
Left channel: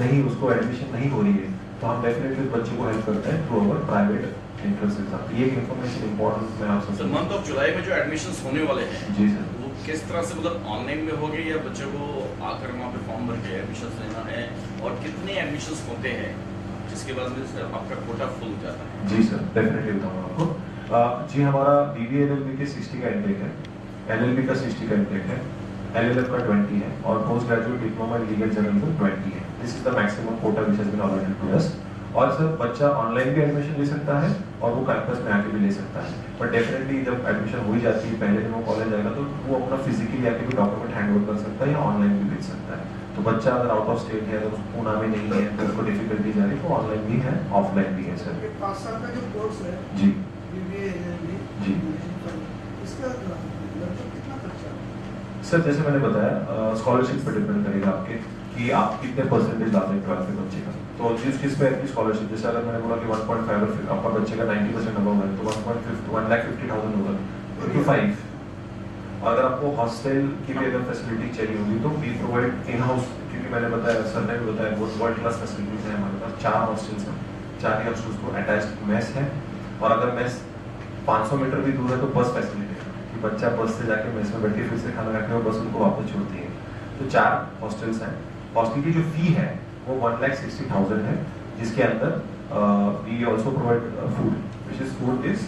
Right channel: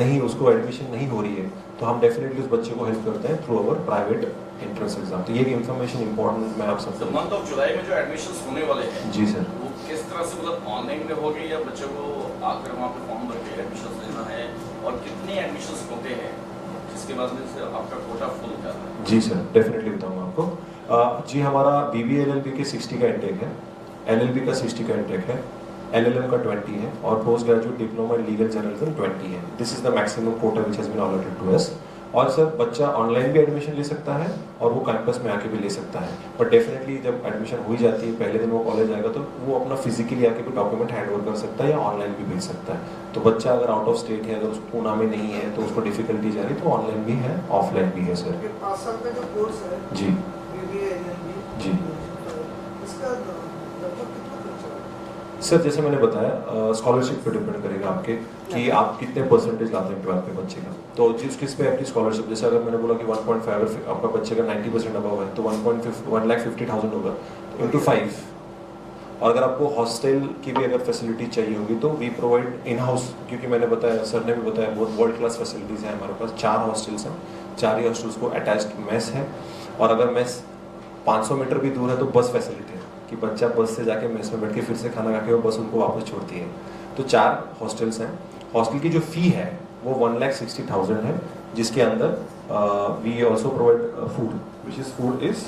नहीं, उसको एडमिशन नहीं हो रही है, तो हम डेफिनेटली उस बच्चे को हेल्प करते हैं through our private entrance exam. तो ये इन्फॉर्मेशन इंपॉर्टेंट मैं आप सबसे मंथ ऑफ जुलाई में जो एडमिशंस होने वाले हैं जी सर, वो किस तरह से मतलब ऑनलाइन में होंगे या बच्चों को आकर वहाँ पे फॉर्म भर के एडमिशंस लेना है, और कितने एडमिशंस होते हैं जिसके बाद से आपका कोटा फुल होता है? जी सर, डेफिनेटली बताऊंगा आपको. जी हमारा BBA LLB के 60 का इंटेक है, LLB का 60 का इंटेक है, LLM का 20 है, और post graduate diploma in legal journalism 20 है. This is the maximum quota which has been allotted to us. और सर बच्चा ऑनलाइन भी एडमिशन ले सकता है और वो कैंपस में आके भी ले सकता है. बट डेफिनेटली जब एडमिशन हो जाती है, पहले दिन वो कॉलेज आएगा, तो वो अपना फिजिकली आके भी डॉक्यूमेंट हैंड ओवर कर सकता है या ऑनलाइन भी भेज सकता है. तो बच्चा अगर आउट ऑफ स्टेट है, अगर उसको पूना में नहीं है, तो उसको डिफिकल्टीज आ रही, तो ऑनलाइन भी है, ऑफलाइन भी है सर. 5 साल का जो कोर्स है जी BBA LLB, जी इसका लगभग कितना खर्चा है? सर जैसे मैंने बताया, स्कॉलरशिप पे डिपेंड करेगा आपके कि आप कितने परसेंटेज लाते हैं 12th के बच्चे का. तो जिस किस पे आपकी स्कॉलरशिप, जैसे अगर मैंने बोला कि 1.5 आपका बच्चे का 90% अबव है, तो 1,50,000 होगा into 5. और अगर आपको हॉस्टल की भी अगर फैसिलिटी चाहिए होगी तो वी प्रोवाइड इन हाउस, क्योंकि मैंने बताया, सर ने भी बताया, बहुत वर्ल्ड क्लास फैसिलिटीज हैं हमारे पास. 4 हॉस्टल्स हैं, 4 ही हॉस्टल्स को अटैच्ड मेस है, और अगर मेस 500 मीटर भी दूर है तो बस फैसिलिटी है कि बच्चा बस से जाके मेस में बैठ के फिर से खाना खा के वो बस उनको वापस छोड़ती है. तो 4 हॉस्टल्स हैं. हॉस्टल की जो फी है वो 1,60,000 है, जिसके अंदर we also provide food, which is food is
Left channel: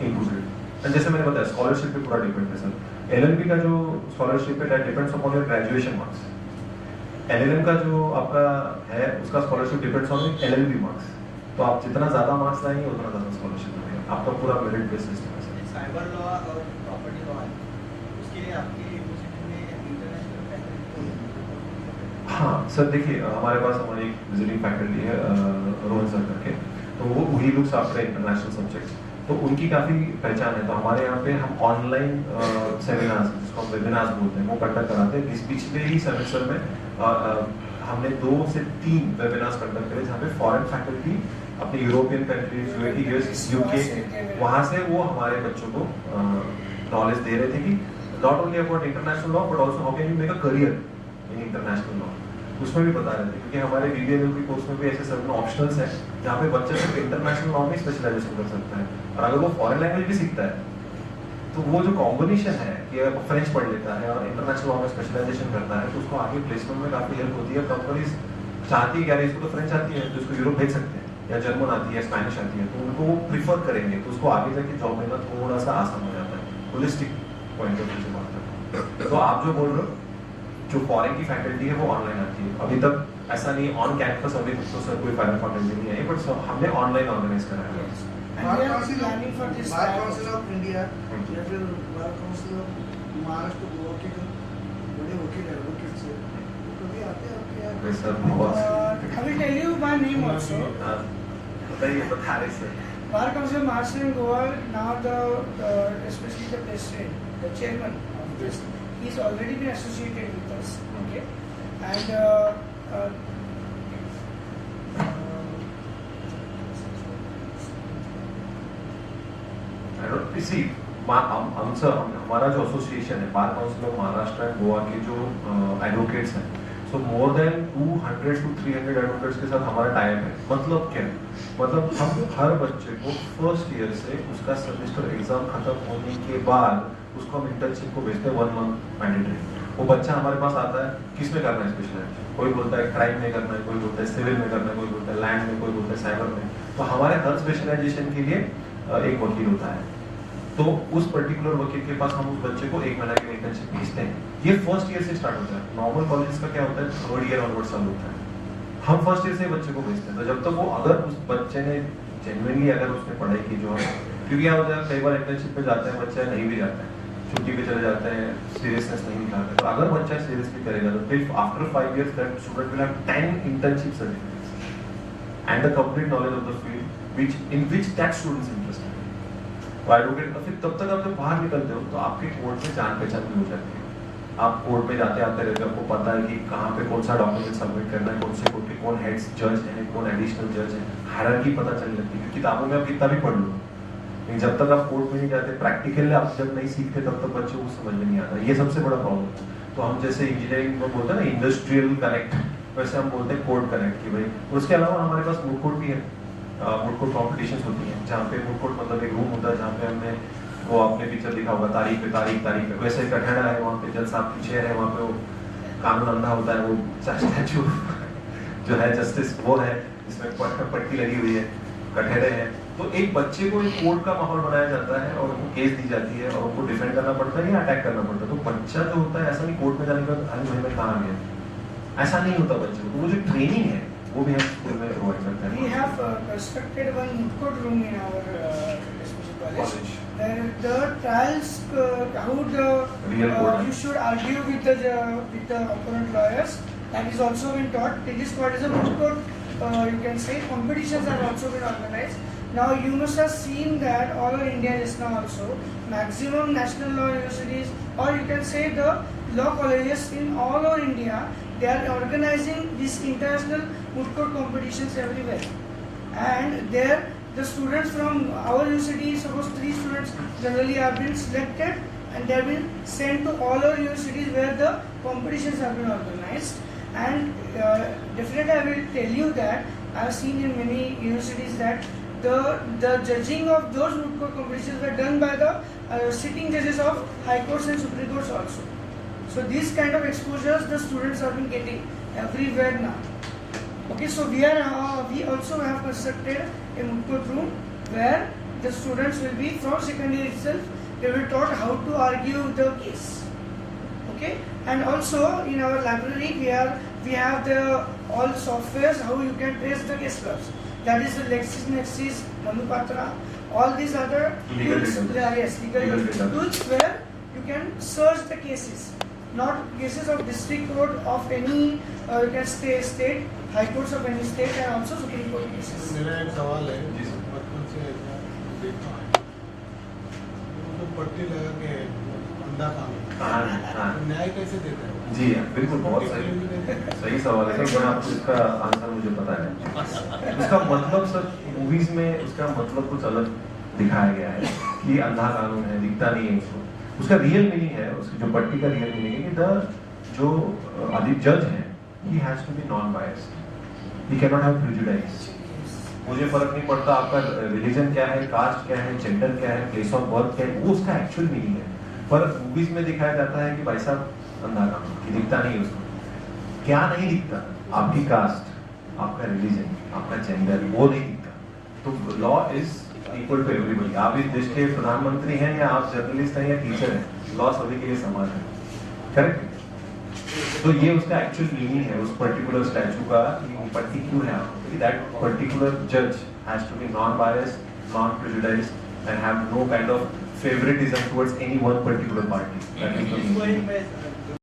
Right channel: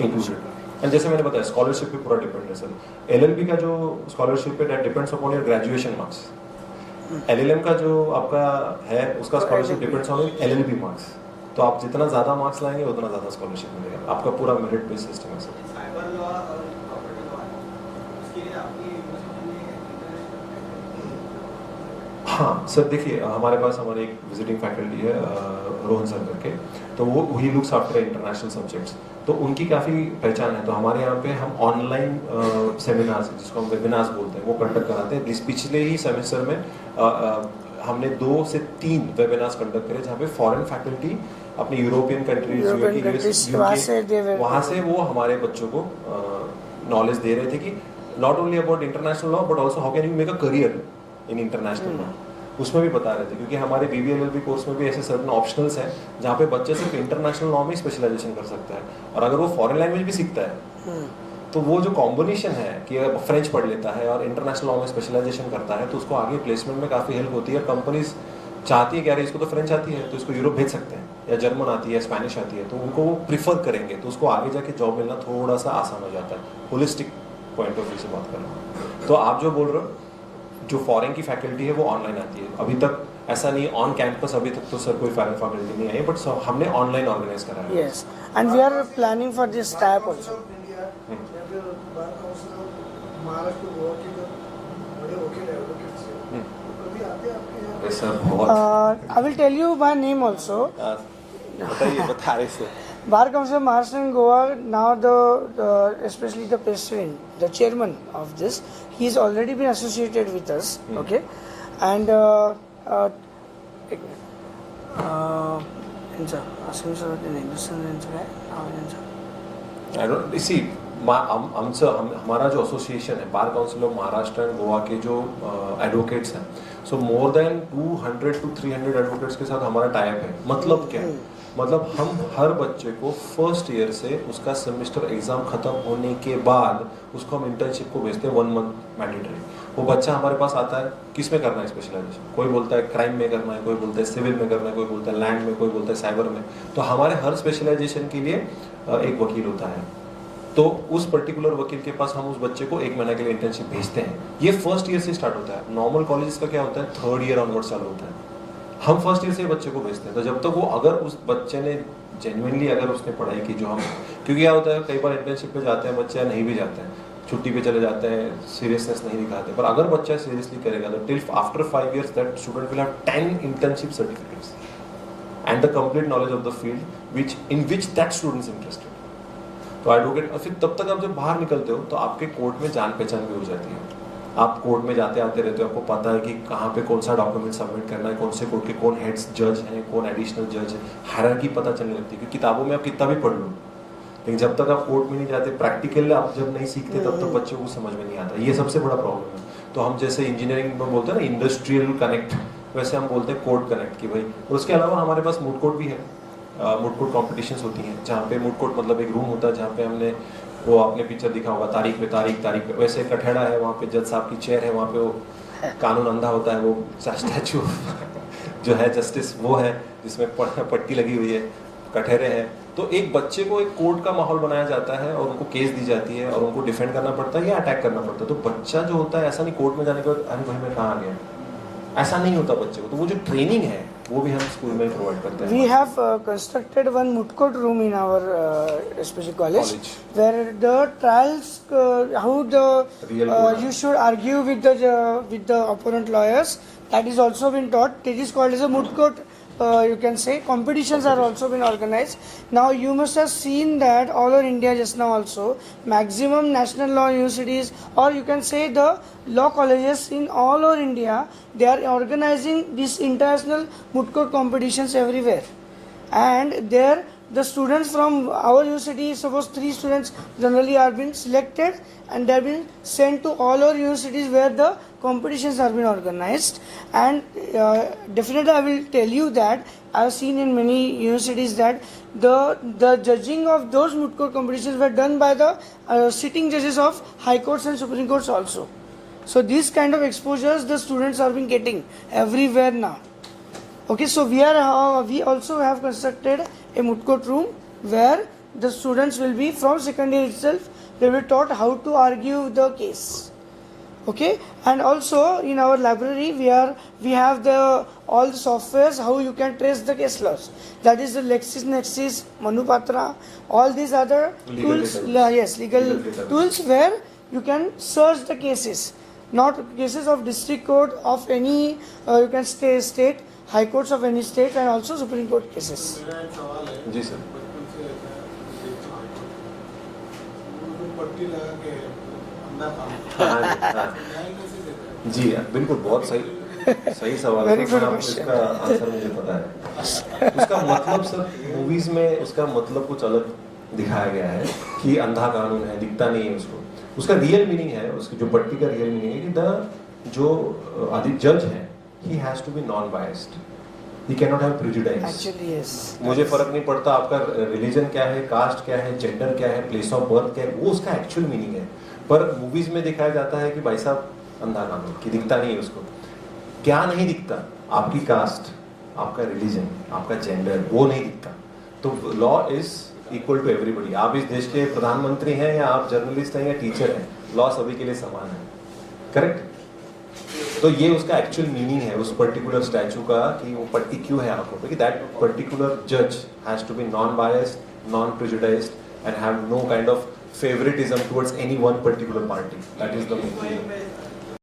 included. And जैसे मैंने बताया, स्कॉलरशिप पे पूरा डिपेंड है सर. LLB का जो स्कॉलरशिप है that depends upon your graduation marks. LLM का जो आपका है उसका scholarship depends on LLB marks. तो आप जितना ज्यादा मार्क्स लाएंगे उतना ज्यादा स्कॉलरशिप मिलेगा. आपका पूरा मेरिट बेस्ड सिस्टम है सर. साइबर लॉ और प्रॉपर्टी लॉ, उसके लिए आपकी यूनिवर्सिटी में इंटरनेशनल. हाँ सर, देखिए हमारे पास हमारे एक विजिटिंग फैकल्टी है रोहन सर करके, तो वो he looks after international subjects, तो उनकी काफ़ी पहचान है. तो हमारे यहाँ पे हम ऑनलाइन सेमिनार्स, जिसको हम वेबिनार्स बोलते हैं, वो कंडक्ट कराते हैं. इस पिछले ही सेमेस्टर में हमने 2 से 3 वेबिनार्स कंडक्ट करे जहाँ पे फॉरेन फैकल्टी अपनी यूरोपियन कंट्रीज, वहाँ से वो हमारे बच्चों को नॉलेज दे रहे थे कि not only about international law but also how can you make a career in international law. उसमें भी बता रहे थे, क्योंकि हमारे BBA LLB कोर्स में भी ऐसे सर्टेन ऑप्शनल्स हैं जहाँ पे बच्चा सिर्फ इंटरनेशनल लॉ में स्पेशलाइजेशन कर सकता है. और अगर वो फॉरेन लैंग्वेज भी सीखता है तो वो जो कॉम्बिनेशन है कि अगर फ्रेंच पढ़ लेता है और इंटरनेशनल लॉ में स्पेशलाइजेशन करता है, तो उसको आगे प्लेसमेंट में काफ़ी हेल्प होती है. कंपनीज चाहती है कि यार इसको तो फ्रेंच आती है तो इसको यूरोप भेज सकते हैं, या जर्मन आती है, स्पेनिश आती है, तो उनको वो प्रीफर करेंगे, तो उसको आगे जाके जॉब मिलना थोड़ा सा आसान हो जाता है. होलिस्टिक पॉइंट ऑफ व्यू से बात कर रहा हूँ. तो आप जो बोल रहे हो, जो फॉरेन की फैकल्टी है वो ऑनलाइन आती है. अभी तक ऐसा नहीं ऑन कैंपस, अभी तक तो सर कोई फॉरेन फैकल्टी नहीं आई, बट हमने ऑनलाइन ऑर्गेनाइज करा है. Yes, and we are planning for this type of. India या फिर बार काउंसिल ऑफ महाराष्ट्र, गोवा के जो बड़े वकील एडवोकेट्स हैं, कभी आते हैं आपके यहाँ? अरे सर बहुत. I will tell you my name also. बताइए, बता रहे sir. Bar Council of Maharashtra and Goa, now the especially the president, the chairman of this, he's already been associated with us, okay, and I don't see. हमारा जो एसोसिएशन है, bar council of Maharashtra एंड गोवा के जो एडवोकेट्स हैं, सो more than 200 to 300 एडवोकेट्स के साथ हमारा टाइप है. मतलब क्या है? मतलब हम हर बच्चे को फर्स्ट ईयर से उसका सेमेस्टर एग्जाम खत्म होने के बाद उसको हम इंटर्नशिप को भेजते हैं 1 month मैंडेटरी. वो बच्चा हमारे पास आता है, किस में करना है स्पेशलाइजेशन, कोई बोलता है क्राइम में करना है, कोई बोलता है सिविल में करना है, कोई बोलता है लैंड में, कोई बोलता है साइबर में. तो हमारे हर स्पेशलाइजेशन के लिए एक वकील होता है. तो उस पर्टिकुलर वकील के पास हम उस बच्चे को 1 महीना के लिए इंटर्नशिप भेजते हैं। ये फर्स्ट ईयर से स्टार्ट होता है। नॉर्मल कॉलेजेस का क्या होता है, 3rd ईयर ऑनवर्ड चालू होता है। हम फर्स्ट ईयर से बच्चे को भेजते हैं। तो जब तक वो, अगर उस बच्चे ने जेन्युइनली अगर उसने पढ़ाई की, जो हम, क्योंकि क्या होता है कई बार इंटर्नशिप पे जाते हैं बच्चे, नहीं भी जाते हैं, छुट्टी पे चले जाते हैं, सीरियसनेस नहीं दिखाते, पर अगर बच्चा सीरियसली करेगा तो till after 5 years that student will have 10 internship certificates and the complete knowledge of the field which in which that student is interested. तो एडवोकेट, फिर तब तक आप जब बाहर निकलते हो तो आपके कोर्ट में जान पहचान भी हो जाती है। आप कोर्ट में जाते आते रहते हो, आपको पता है कि कहाँ पे कौन सा डॉक्यूमेंट सबमिट करना है, कौन से कोर्ट के कौन हेड्स जज हैं, कौन एडिशनल जज है, हायरार्की पता चलने लगती है। किताबों में आप कितना भी पढ़ लो, लेकिन जब तक आप कोर्ट में नहीं जाते, प्रैक्टिकल आप जब नहीं सीखते, तब तक बच्चों को समझ में नहीं आता। ये सबसे बड़ा प्रॉब्लम है। तो हम जैसे इंजीनियरिंग में बोलते हैं ना इंडस्ट्रियल कनेक्ट, वैसे हम बोलते हैं कोर्ट कनेक्ट की भाई। और उसके अलावा हमारे पास मूड कोर्ट भी है। मूड कोर्ट कॉम्पिटिशंस होती हैं, जहाँ पे मूड कोर्ट मतलब एक रूम होता है जहाँ पे हमने वो आपने पिक्चर दिखा होगा, तारीख पे वैसे कठड़ा है, वहाँ पे जज साहब की चेयर है, वहाँ पे वो कानून अंधा होता है, वो स्टैचू जो है जस्टिस वो है, जिसमें पट्टी लगी हुई है, कठहरे हैं। तो एक बच्चे को एक कोर्ट का माहौल बनाया जाता है और उनको केस दी जाती है और उनको डिफेंड करना पड़ता है या अटैक करना पड़ता है। तो बच्चा जो होता है, ऐसा नहीं कोर्ट में जाने के बाद अरे भाई मैं कहाँ आ गया, ऐसा नहीं होता बच्चे को। तो वो जो ट्रेनिंग है वो भी हम स्कूल में प्रोवाइड करते हैं। We have constructed one moot court room in our SPG college, where the trials, how you should argue with the opponent lawyers, that is also been taught. It is called as a moot court. You can say competitions are also been organized. Now you must have seen that all over India just now also, maximum national law universities, or you can say the law colleges in all over India, they are organizing these international moot court competitions everywhere. And there the students from our university, suppose 3 students generally are being selected and they have been sent to all our universities where the competitions are being organized. And definitely I will tell you that I have seen in many universities that the judging of those moot court competitions were done by the sitting judges of high courts and supreme courts also. So these kind of exposures the students are been getting everywhere now. Okay, so we also have constructed a moot court room where the students will be from second year itself, they will taught how to argue the case. Okay, and also in our library we have all the softwares how you can trace the case laws. That is the LexisNexis, Manupatra, all these other tools. Yes, legal tools where you can search the cases, not cases of district court of any you can say state, high courts of any state, and also supreme court cases. मेरा एक सवाल है जी सर। बचपन से ऐसा देखता हूँ, वो पट्टी लगा के अंडा खाना न्याय कैसे देते हैं? जी बिल्कुल, बहुत सही सवाल है। मैं आपको इसका आंसर मुझे पता है। उसका मतलब सर मूवीज में उसका मतलब कुछ अलग दिखाया गया है कि अंधा कानून है, दिखता नहीं है उसको। उसका रियल मीनिंग है, उसकी जो पट्टी का रियल मीनिंग है कि जो आदि जज है he has to be non biased, he cannot have prejudice. Actually yes. मुझे फर्क नहीं पड़ता आपका रिलीजन क्या है, कास्ट क्या है, जेंडर क्या है, प्लेस ऑफ बर्थ क्या है, वो उसका एक्चुअल मीनिंग है। पर मूवीज में दिखाया जाता है कि भाई साहब अंधा कानून कि दिखता नहीं है उसको। क्या नहीं दिखता? आपकी कास्ट, आपका रिलीजन, आपका जेंडर, वो नहीं दिखता। तो law is equal to everybody. आप इस देश के प्रधानमंत्री हैं या आप जर्नलिस्ट हैं या टीचर हैं, लॉ सभी के लिए समान है। करेक्ट? तो ये उसका एक्चुअल मीनिंग है उस पर्टिकुलर स्टैचू का कि वो पट्टी क्यों है आंखों पे, दैट पर्टिकुलर जज has to be non biased, non prejudiced and have no kind of favoritism towards any one particular party. That is the meaning.